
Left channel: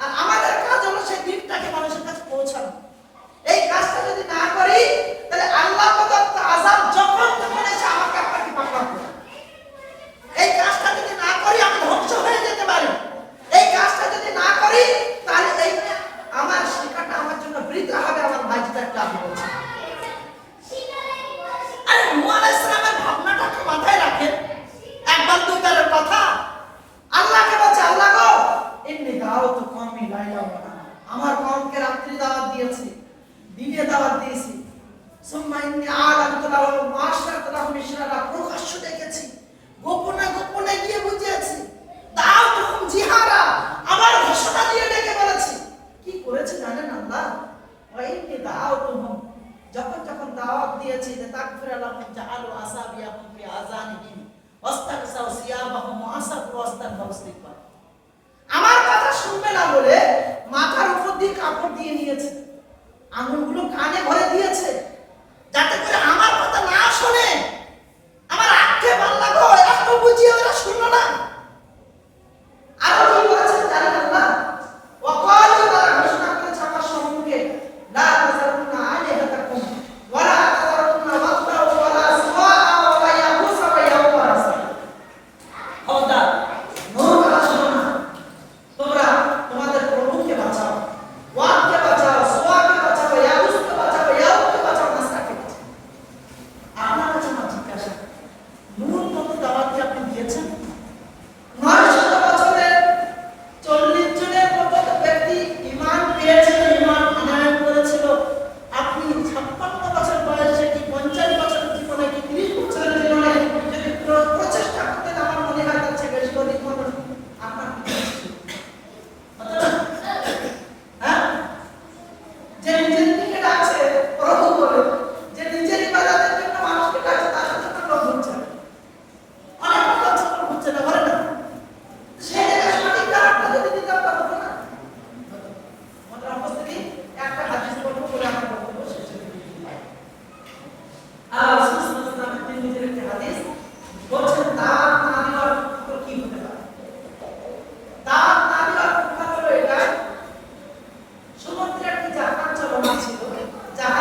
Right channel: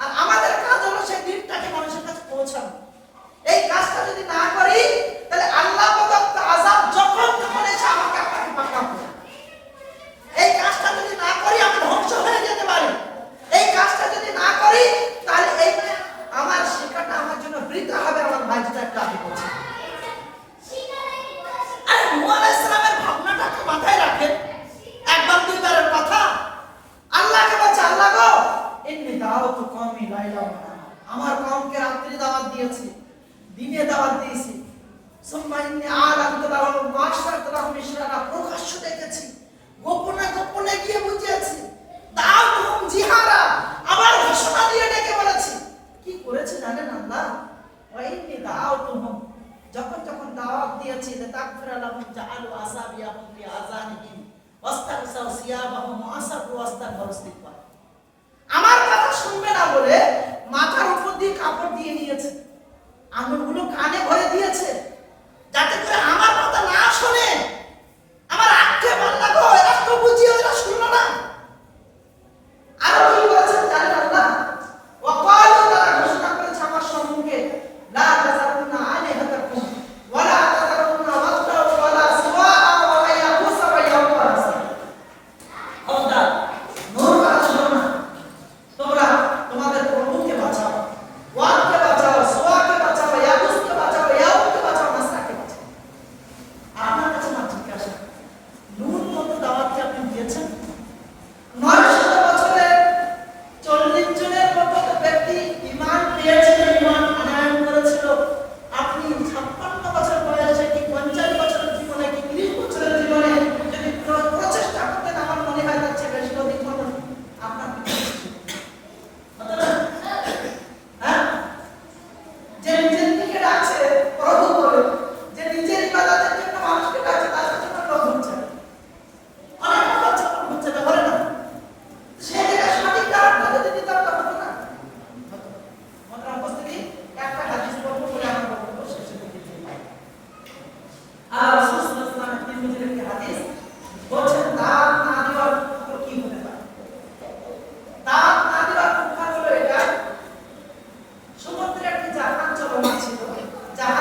আর আমাদের কাজ হলো সেই দিনটাকে মানুষের কাছে পৌঁছানো। এই কাজটা যদি না করি, তাহলে আল্লাহ প্রদত্ত আযাব যখন তখন এসে আমাকে আপনাকে পাকড়াও করে। এই কাজটা যদি না করি, আমি ধ্বংস হয়ে যেতে পারি। এই কাজটা যদি না করি, তাহলে এই আমার শিক্ষাটা আমার জন্য বৃথা হবে। আমার ভাই যেটা একটু আগে বলছে, আরে নূহ আলাইহিস সালামের ভাবনাটা একটু মাথায় রাখেন। একবার দুইবারের কথা। আল্লাহকে বলছে, আল্লাহ গো, ইন্নী দাওয়াতু কওমি লাইলা ওয়া নাহারা, আমার কওমকে রাত্রি দাওয়াত দিয়েছি, দিনে দাওয়াত দিয়েছি। সুম্মা ইন্নী আ'লানতু লাহুম ওয়া আশরাতু লাহুম ইশরারা, প্রকাশ্য ডেকেছি, গোপনে গোপনে গিয়ে বুঝিয়েছি। দাওয়াতুহুম জিহারা, আবার ঘোষণা দিয়ে ডেকে বলেছি। কি করেছে জানেন আল্লাহ? ওয়া ইন্নী দাওয়াতুহুম, যখন যখন দাওয়াত দিয়েছি, তাকফিরা লাহুম জাআলু আসাবিয়াহুম ফি আযানিহিম ওয়াস্তাগসাউ সিয়াবাহুম ওয়া আসাবু ওয়াস্তাগফারু ইস্তিগফার, আমার কথা শুনবে না বলে মাথার উপর দিয়ে কাপড় দিয়ে নিয়েছে, আঙুলগুলো কানে ভরে দিয়েছে, যাতে করে আমার কথা না শোনে। আমার আক্ষেপ, আল্লাহ গো, এত বুঝিয়ে ওরা শুনলো না। আরো কি বলেছেন জানেন আল্লাহ? ওয়াকালু, তারা ঘোষণা করেছে আমার সম্মুখে, লা তাযারুন্না আলিহাতাকুম ওয়া লা তাযারুন্না ওয়াদ্দা ওয়া লা সুওয়া ওয়া ইয়াগুস ওয়া ইয়াউক। খবরদার, নূর কথা শুনো না। তোমরা তোমাদের প্রভুকে বাঁচাও, ওয়াদকে বাঁচাও, সুওয়াকে বাঁচাও, ইয়াগুসকে বাঁচাও, ইয়াউককে বাঁচাও, নাসরাকে বাঁচাও। আপনার কাছে আমার জিজ্ঞাসা, নূর মতো দাওয়াত কি আপনি দিয়েছেন? 900 বছরের 40 জনের মতো ব্যক্তি ঈমান পেয়েছিল, ঈমান আনয়ন করেছিল। আপনি 56 বছর বয়সে কি 50 বছরের জীবনে কি 30 বছরের জীবনে যদি প্রচেষ্টা করতেন, আমার মনে হয় তার চেয়ে বেশি অধিক মানুষ আপনার পিছনে ছিল। হ্যাঁ, যে নিজের দিকে ডাকছে প্রভু বলে, যে নিজের ইবাদতের জন্য মানুষকে ডাকছে, তার জন্য লোক হচ্ছে অনেক কথা হচ্ছে না, বলে না। সেই জায়গায় সঠিক দাওয়াতটা যদি দিতাম, তা হতো না। আমাদের উপস্থিতি একটা হাদিস বলবো বলে আমরা বলবো শেষে দিকে আল্লাহ রাসূল সাল্লাল্লাহু আলাইহি ওয়াসাল্লাম তিরমিজির একটি হাদিস বলছেন, দাওয়াত না দেওয়ার ফল কি হতে পারে? দাওয়াত না দেওয়ার ফল হলো এটা, সমুদ্রে একটি জাহাজ চলমান ছিল। জাহাজ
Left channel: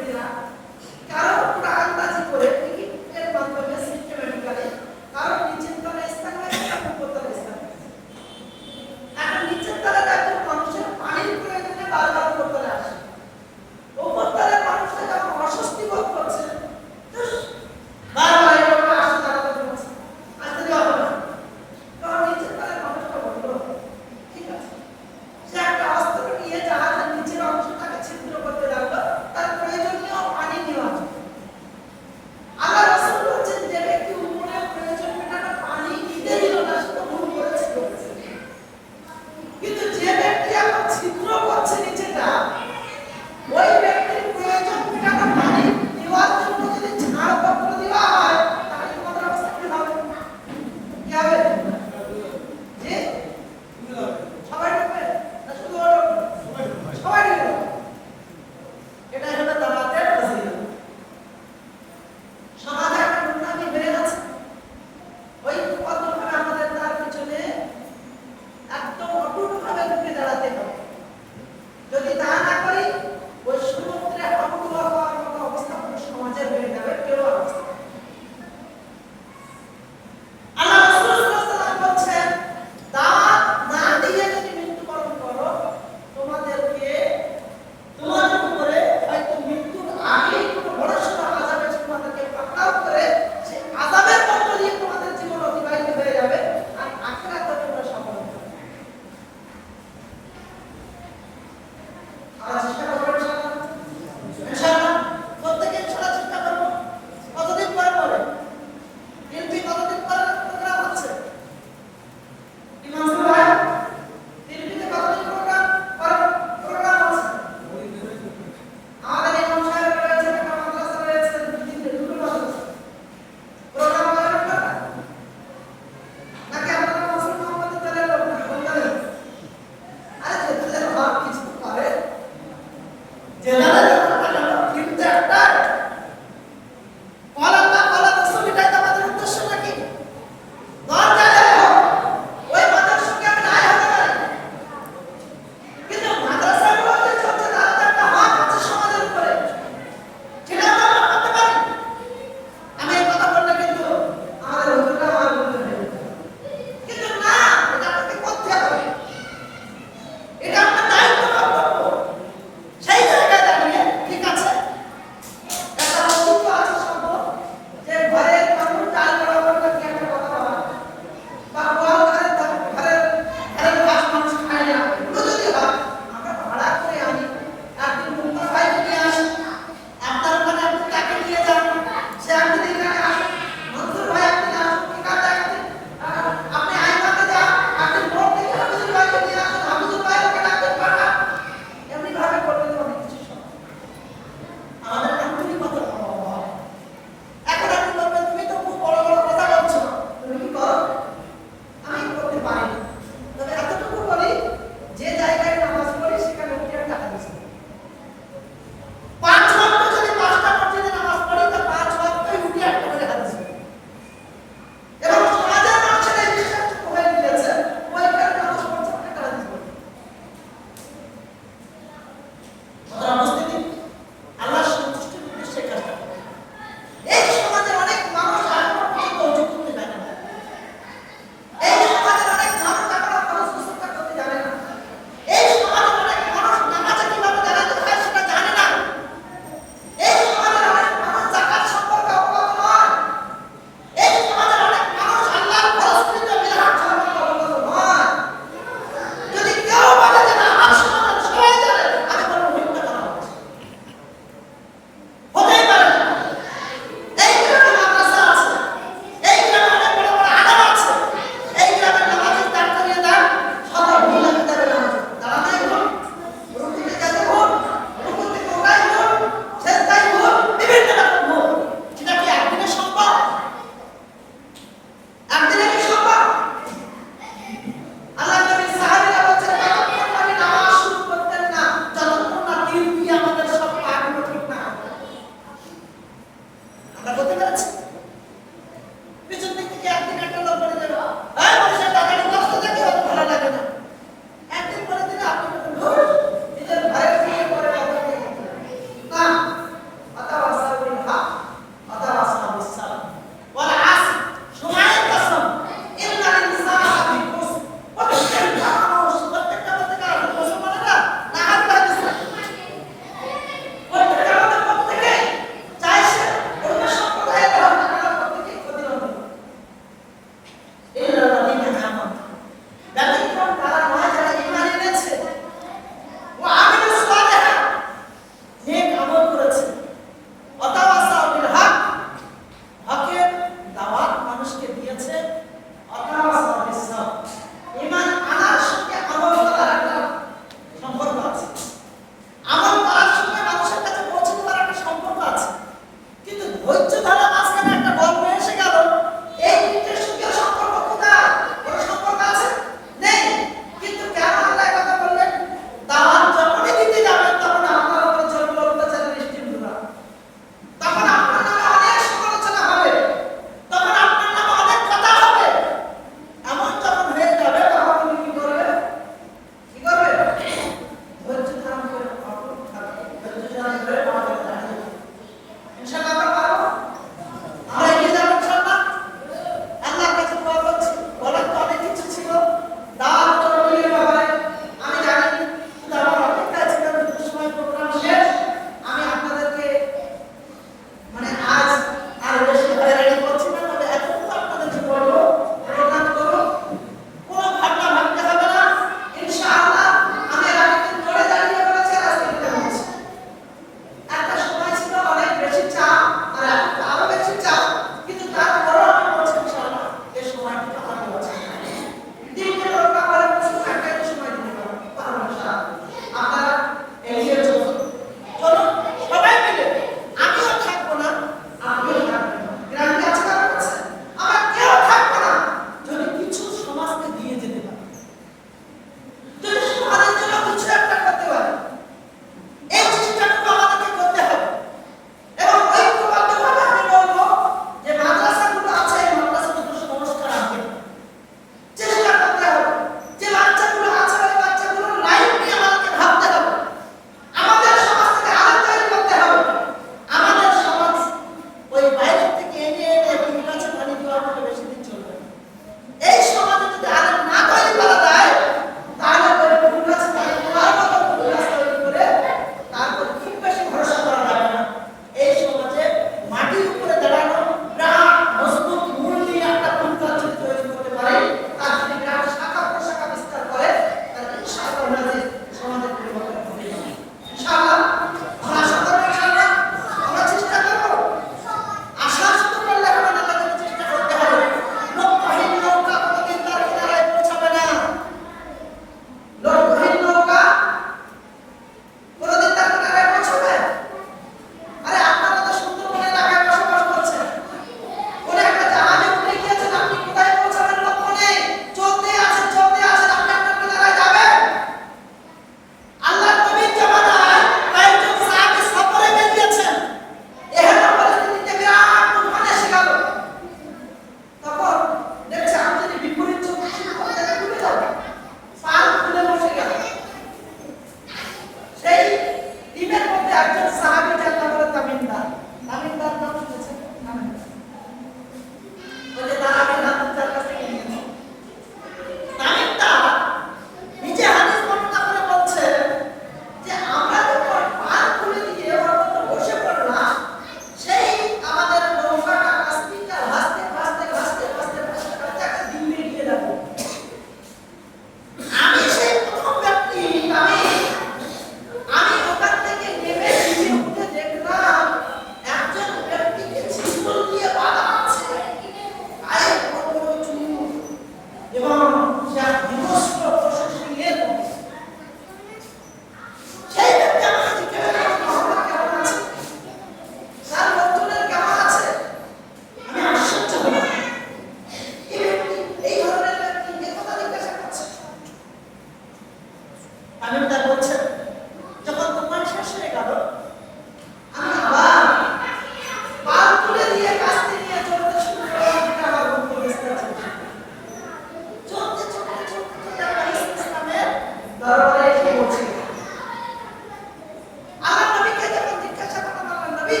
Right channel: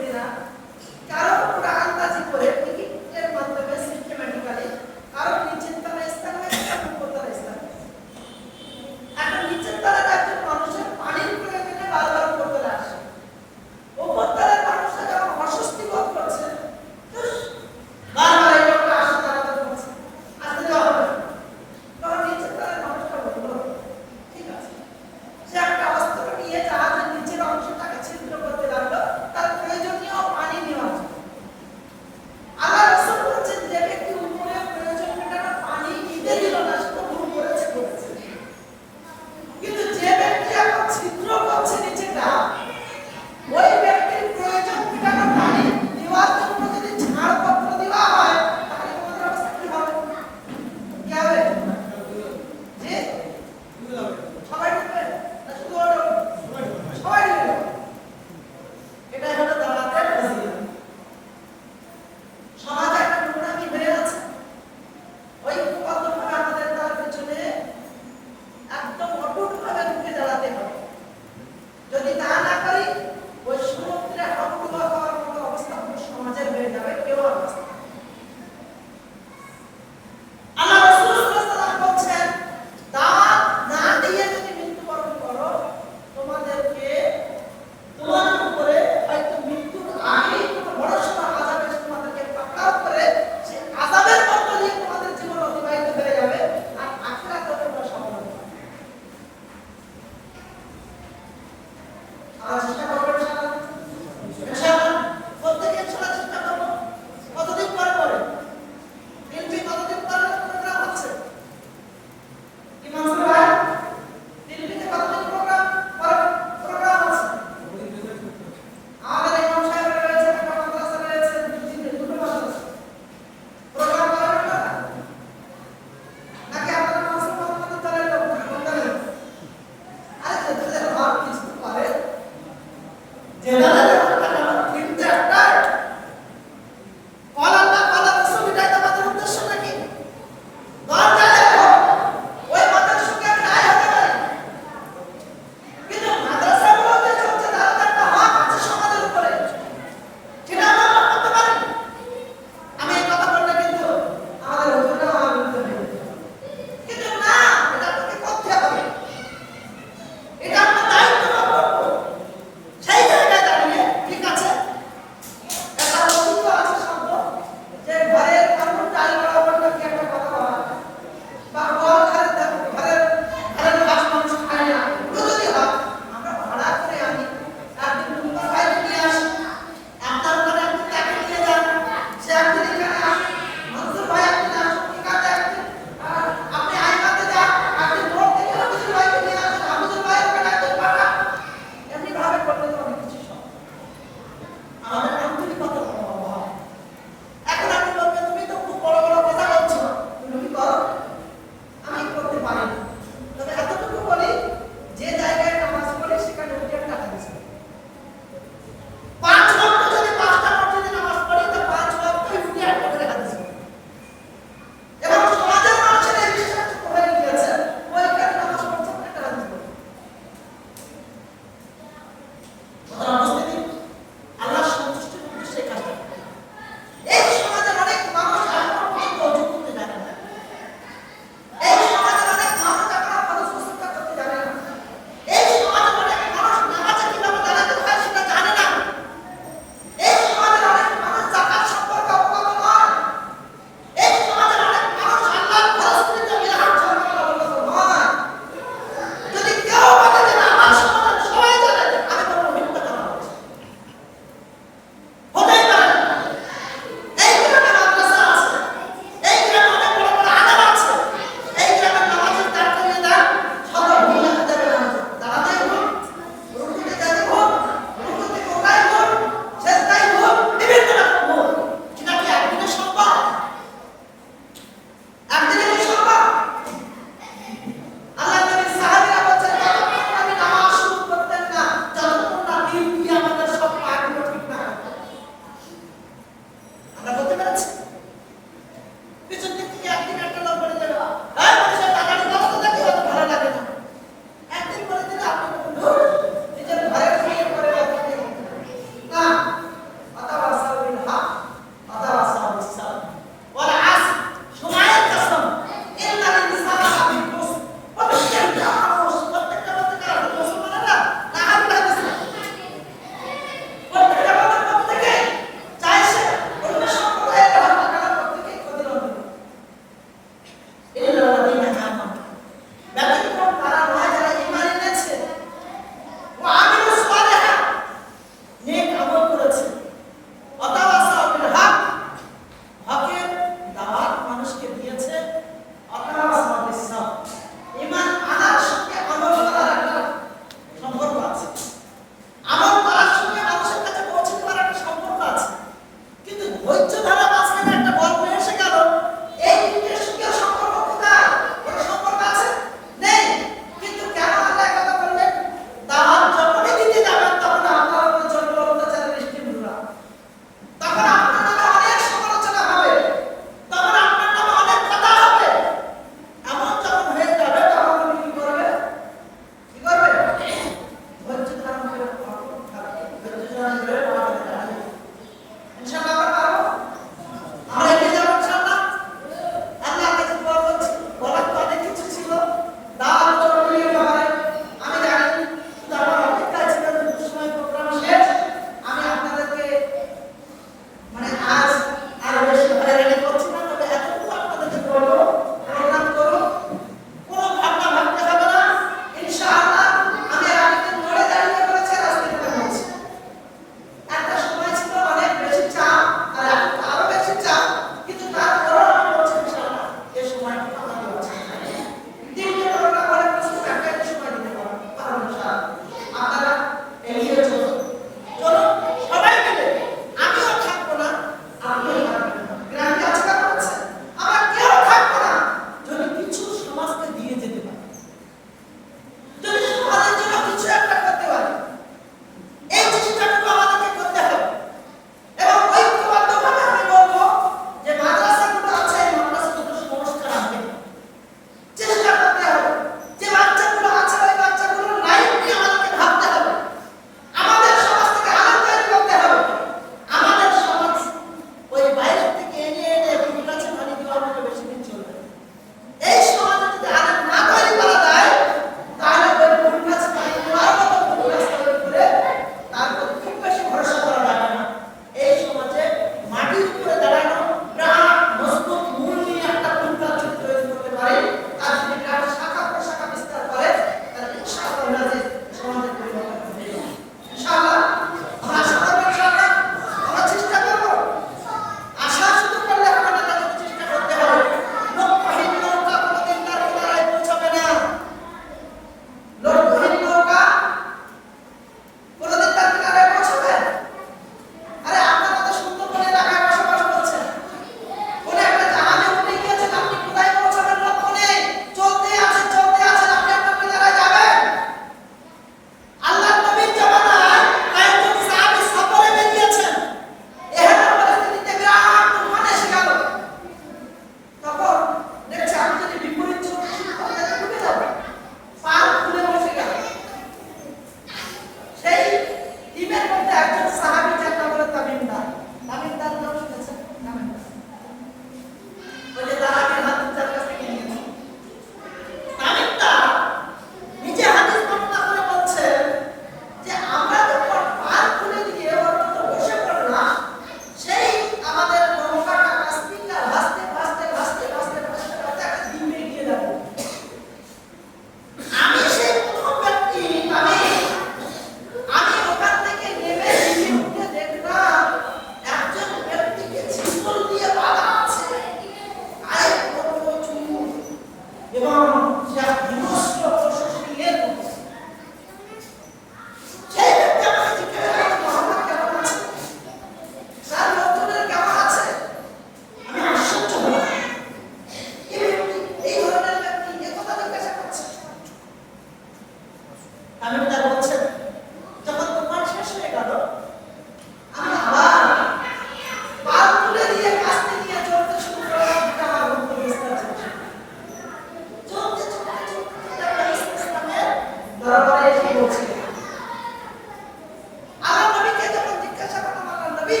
নবী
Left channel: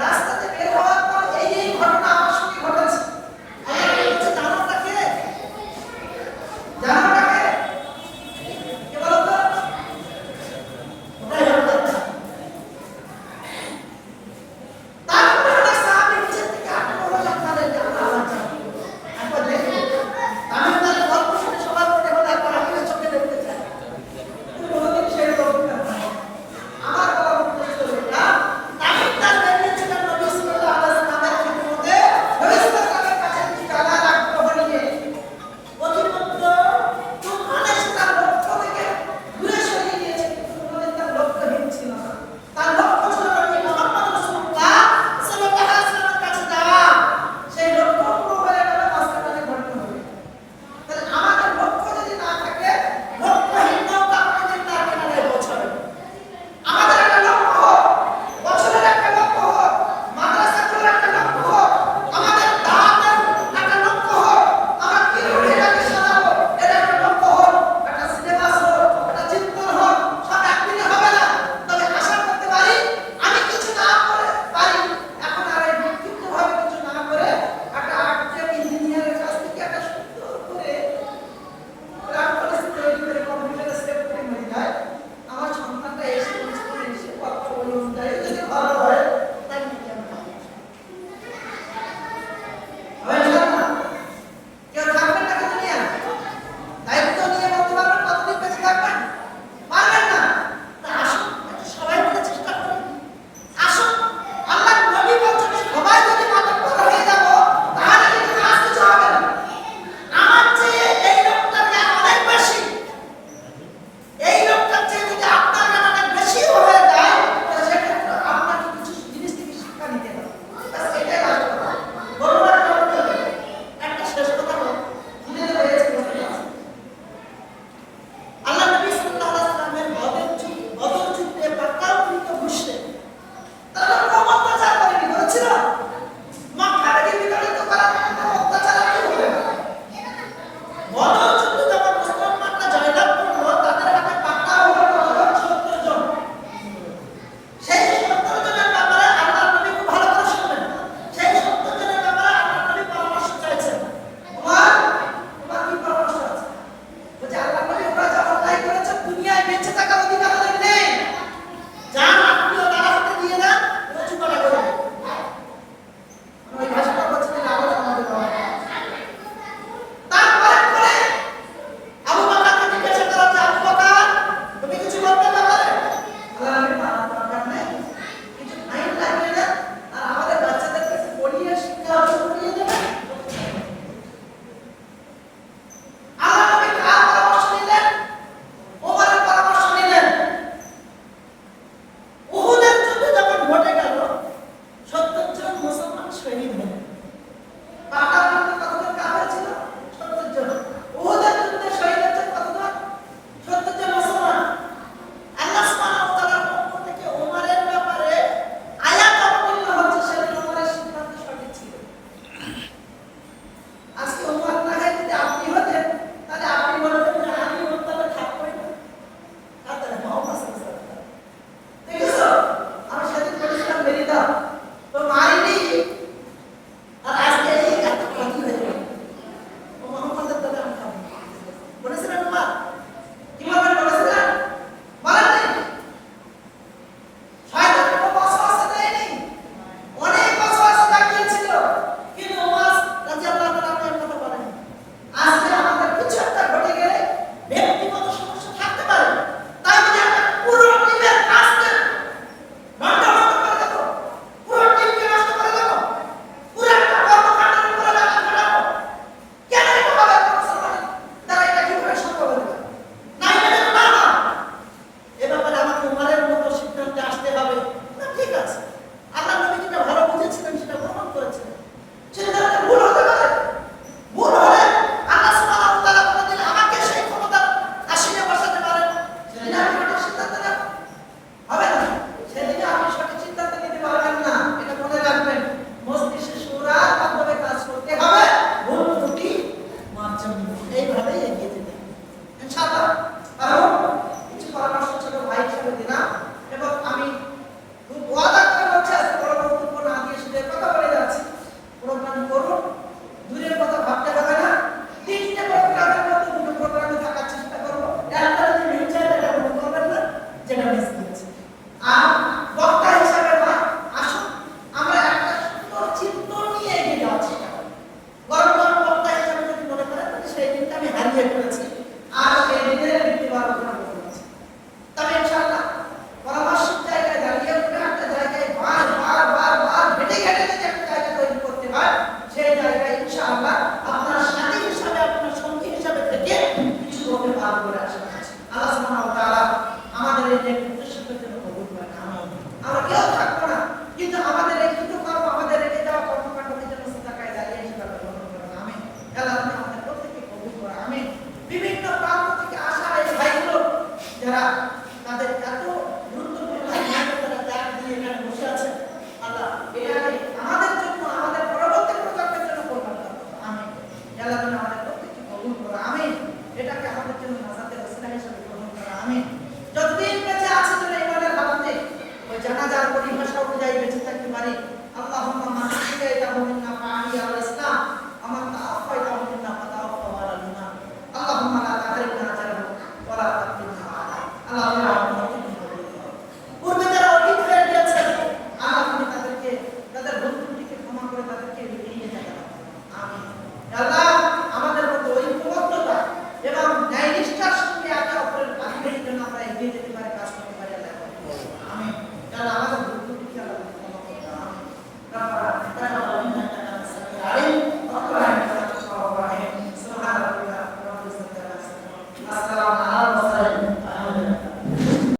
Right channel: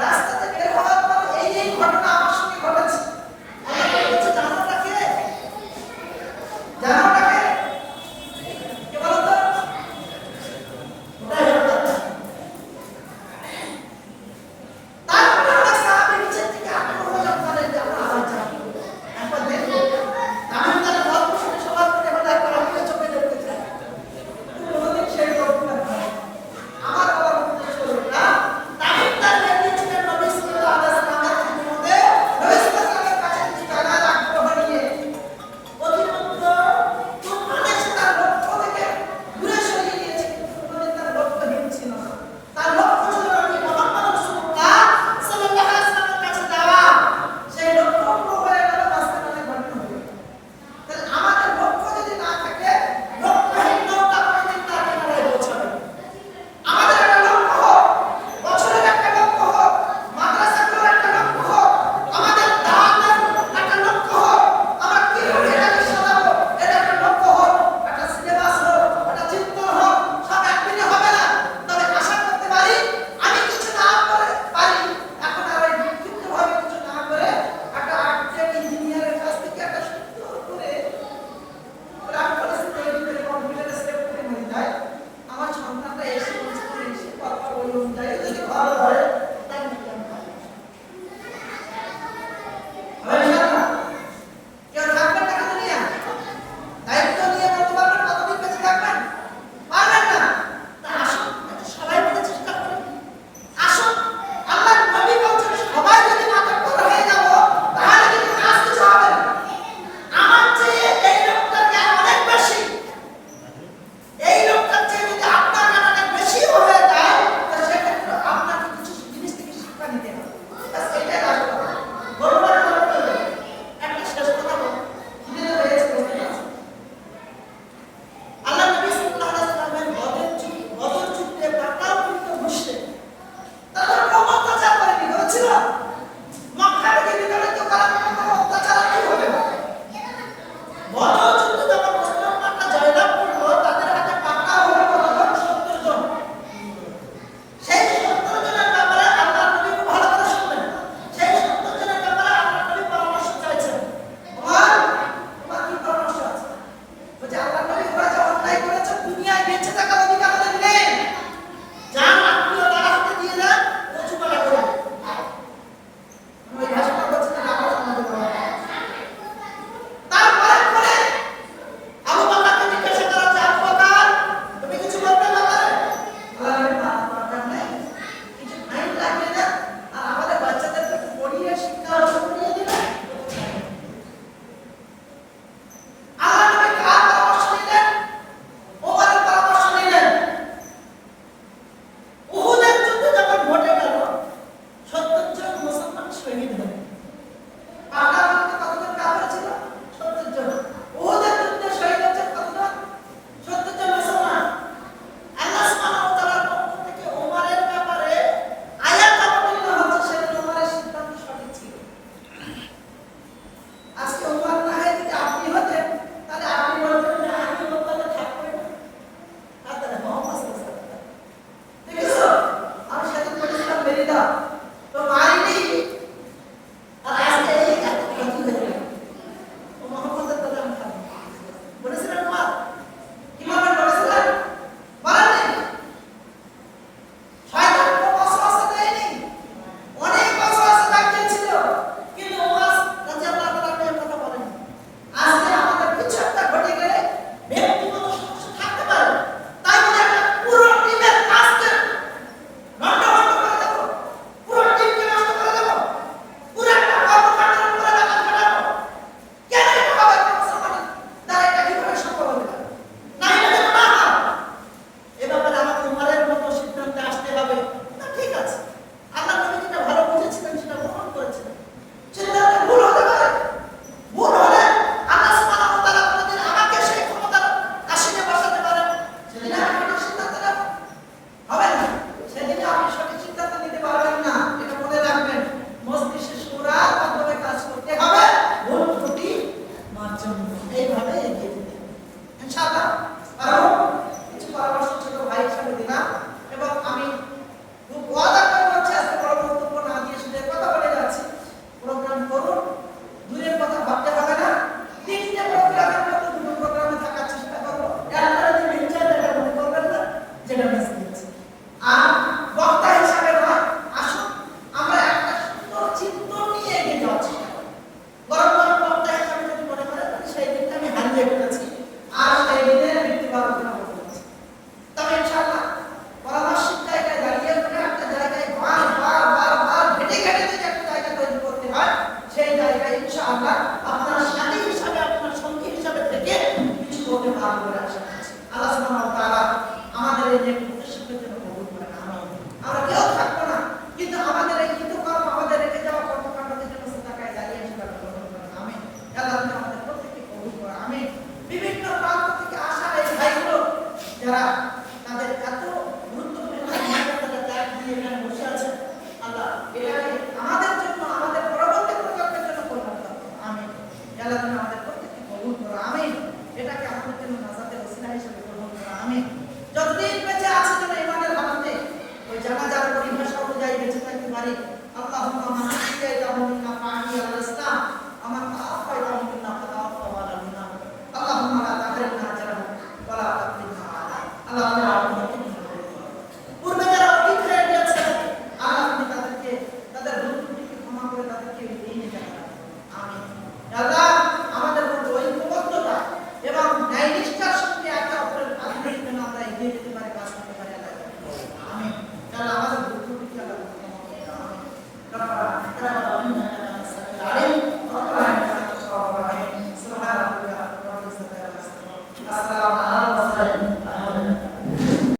রাস্তাতে বের হওয়ার পর এই ঘটনা আমার সঙ্গে ঘটেছে। আল্লাহ নবী বলছে, জানোটা কে? জানোটা কে? কে বলো তো? ওটাই হলো কথা। তারপরে অনেক সাহাবী নিচের থেকে আগ্রহ জন্মালেন যে আমরা আল্লাহ জানি। একবার দেখো, আমি তাদের গল্প শুনে সবার মনে হলো একবার আমিও চোখে দেখতে চাই। কোনোদিন সেই লোকটা হয় আমার বলা উদ্দেশ্য এটা। তার নেতৃত্বে নবী সাল্লাল্লাহু আলাইহি ওয়াসাল্লামের খিদমতে নবী সাল্লাল্লাহু আলাইহি ওয়াসাল্লামের কাছে জানার আগ্রহ নিয়ে অতিমাত্র তুফানে সে তার লক্ষ্য থেকে দূরে সরিয়ে দিয়েছে। কোনোদিন তার লক্ষ্যহীন ছিল না। তার লক্ষ্য ছিল নবী মুহাম্মদ রাসূলুল্লাহ সাল্লাল্লাহু আলাইহি ওয়াসাল্লামের কাছে যাওয়া। সেই লক্ষ্য পুরো হয়ে গেল, মাঝখানে অনেক ঘটনা হয়ে গেল। তাহলে আমাদের লক্ষ্য যদি না থাকে, লক্ষ্যহীন নৌকা কোনোদিন তার কিনারায় পৌঁছাবে না। আমাদের একটা লক্ষ্য হোক, বছরের একটা লক্ষ্য হোক, মাদ্রাসাগুলোর একটা লক্ষ্য হোক, আমাদের দাওয়াতের একটা লক্ষ্য হোক, আমরা কিভাবে এটাকে সাজাবো এটা একটা লক্ষ্য হোক, একটা সিলেবাস হোক, একটা চিন্তন হোক, সব একদিনে হবে না। তবে আশা করতে পারি আমি কিছু না করে পারি এখন আর এই বিক্ষিপ্তভাবে কিছু না করে একটা আর্কিটেক্ট ইঞ্জিনিয়ারের কাছ থেকে একটা সুন্দর করে প্ল্যান পলিসি তৈরি করে কম্পিউটারে সেভ করে মনে যায় আমার সন্তানটা এসে পরপর ওই অনুযায়ী যদি ভালো হয় তাই নাকি আমি পাবো। হবে ইনশাআল্লাহ। কেউ থাকবেন না কিন্তু নিয়ে দায়িত্ব নিয়ে বলতে পারবেন কতদিন বেঁচে থাকবেন? পারবেন না। তা আসুন একটু সবাই মিলে চেষ্টা করি। আসুন, আল্লাহ নবী বলছেন সবাই যদি মাতব্বর হয়ে যাব তাহলে কিন্তু কাজ কিছু হবে না। আমার চেয়ে এই লোকটার জ্ঞান অনেক বেশি, এই লোকটার চেয়ে যদি আপনার জ্ঞান অনেক বেশি হয়ে যায় তো সেক্ষেত্রে আপনাকে কিছু জিনিস থেকে শিক্ষা নিতে হবে। ব্যাস এটাই আসল কথা। বলবো না কেন বলবো? একটা শেষ কথা বলবো। খিদে হয়েছে আল্লাহ নবী সাল্লাল্লাহু আলাইহি ওয়াসাল্লামের বদর যুদ্ধে পাকাকৃত মুশরিক তারা অত্যাচার করেনি, বলেছিল মক্কাকে বিতাড়িত করার জন্য অত্যাচার কি হবে। বদর যুদ্ধে যখন মুসলমানরা জয়লাভ করলো তাদের হাতে পাকা হলো কতজন? 70 জন। সেই 70 জনের ব্যাপারে আল্লাহর নবী খুব ভালো করে শুনলেন। সেই 70 জনের ব্যাপারে আল্লাহর নবী পরামর্শ চাইছেন। তোমার কি পরামর্শ আছে? বলছে আল্লাহর নবী ওরা যা অন্যায় করেছে দুনিয়ায় বেঁচে থাকার অধিকার ওদের নেই। যার আত্মীয় তার হাতে দিয়ে দেন, কচু করা করে দেন। ওই ভাষাটা বলছে যে আবার আমাদের আওয়াজ। তারপরে পরে আবু বকরকে জিজ্ঞাসা করা হচ্ছে, আবু বকর তুমি কিছু বলবে ব্যাপারে? আল্লাহ নবী দরকার নেই, কিছু ফাইন লাগিয়ে দেন আর আমাদের বাচ্চাদেরকে একটু পড়িয়ে শিক্ষা অর্জন করিয়ে দেবেন। আল্লাহ নবী কার পরামর্শ নিলেন? ওমরের পরামর্শ নিলেন। উহুদের যুদ্ধে যখন ঘটে গেল 70 জন মুসলমান শহীদ হলেন। পাকা বলতে কতজন কাফের ছিল? 70 জন। উহুদের যুদ্ধে শহীদ হয়েছে কতজন? 70 জন মুসলমান। আল্লাহ সুবহানাহু ওয়া তাআলার পক্ষ থেকে ওমরের ব্যাপারে আয়াত অবতীর্ণ হচ্ছে, সেদিন ওমরের সিদ্ধান্ত সঠিক ছিল। আজকে ওমর না হয় যদি আপনি হতেন তাহলে আপনি বলবেন যে আমি ওমরকে থাকবই না। তাহলে মোহাম্মদ সাল্লাল্লাহু আলাইহি ওয়াসাল্লাম দেখেছো আমি সেদিন বলেছিলাম মেরিদা তো মারিনি আর আজকে এই এত ক্ষতি হয়ে গেল। ও মোহাম্মদের দাদা আমি খাবো বলেছিলেন ওমর? কি বলবেন বলেছিলেন? বলেননি। শয়তান খুব অসহসে দেয়নি, অনেক অসহসে দেখিয়েছিল, কিন্তু ওমর রাদিয়াল্লাহু তাআলা এর কথা বলেনি। আজকে আমাদের কিছু একটা ঘটে গেলে ব্যক্তিগত সমস্যা থাকতে পারে, তাই বলে একটা পুরো টিমের কাজকে নষ্ট করে দেবো, পুরো টিমকে নষ্ট করে দেবো, পুরো একটা কর্মকাণ্ডের উপরে বাধা খাটাবো। কেন এটা হবে মুসলমান? তারা এটা কিভাবে সম্ভব হতে পারে? না এটা যেন না হয়। এ ব্যাপারে আমাকে উমরের মতো সিদ্ধান্তে আসতে হবে না। ঠিক আছে, আল্লাহ নবী যেটা ভালো বুঝেছিলেন সেটা প্রমাণ করেছিলেন। সেটা ভুল হতে পারে, ভুল হলে আল্লাহ সুবহানাহু ওয়া তাআলা কোনদিন আমাকে সেই ক্ষমতার আসনে বসাতে পারেন। সেদিন আমি সঠিক সিদ্ধান্ত নেব হবে না, সেদিন আপনি সঠিক সিদ্ধান্ত নিতে পারবেন না। এটা মনে রাখবেন, মজলিসে শুরার মাধ্যমে কাজ করতে হবে, ভুল ত্রুটি মার্জন এইভাবেই এগিয়ে যেতে হবে ইনশাআল্লাহ। আর কিছু পরামর্শ ছোট ভাই হিসেবে দিলাম এবং আমি খুব ওয়াদা করব কিন্তু আমাদের এই কৃতকর্ম, আমাদের রেখে যাওয়া কর্মকাণ্ডের জন্য সাদাকায় দাঁড়িয়ে সেটা গ্রহণ করেন। আমিন। আল্লাহ আপনি আমাদের প্রত্যেককে কবুল করেন। আমিন। বিভিন্ন প্রান্ত থেকে আসা এই ভাইগুলো যারা তাদের এত গুরুত্বপূর্ণ সময়টা তারা ত্যাগ দিয়ে এখানে বসে আছেন, আল্লাহ এটাকে আমাদের জন্য, আমাদের পরবর্তী প্রজন্মের জন্য কল্যাণ করুন। আমিন। আল্লাহ তুমি আমাদের প্রত্যেককে কবুল করো। আমিন। এটাকে আমাদের জন্য নাজাতের ওসিলা হিসেবে গ্রহণ করো। আমিন। যতদিন বেঁচে আছে যেন ইমানের হালাতে ওই জানাজার পরিভাষা অনুযায়ী বেঁচে থাকতে পারি। আল্লাহুম্মা মান আহইয়াতাহু মিন্না ফাআহিয়া আলাল ইসলাম ওয়া মান তাওয়াফাইতাহু মিন্না ফাতাওয়াফাহু আলাল ঈমান। আল্লাহুম্মা লা তাহরিমনা আজরাহু ওয়া লা তাফতিনা আলা। আল্লাহুম্মা পূর্বে যারা অতীত হয়ে গিয়েছে, আল্লাহ তুমি তাদেরকে তাদের ভুল ত্রুটিকে ক্ষমা করে তাদেরকে এগিয়ে নিতে পারেন। আমিন। আল্লাহ আমাদের মধ্যে ঐক্যবদ্ধতা এবং ন্যায় নিষ্ঠার সঙ্গে একে অপরের কাজগুলির জন্য আমরা এগিয়ে যেতে পারি, কাজ করতে পারি। আল্লাহ আমিন। আল্লাহ আমাদের ভুল ত্রুটিকে আল্লাহ ক্ষমা করে দাও। আমিন। রব্বানা তাকাব্বাল মিন্না ইন্নাকা আনতাস সামিউল আলিম ওয়া তুব আলাইনা ইন্নাকা আনতাত তাওয়াবুর রহিম। সুবহানা রাব্বিকা রাব্বিল ইজ্জাতি আম্মা ইয়াসিফুন। আসসালামু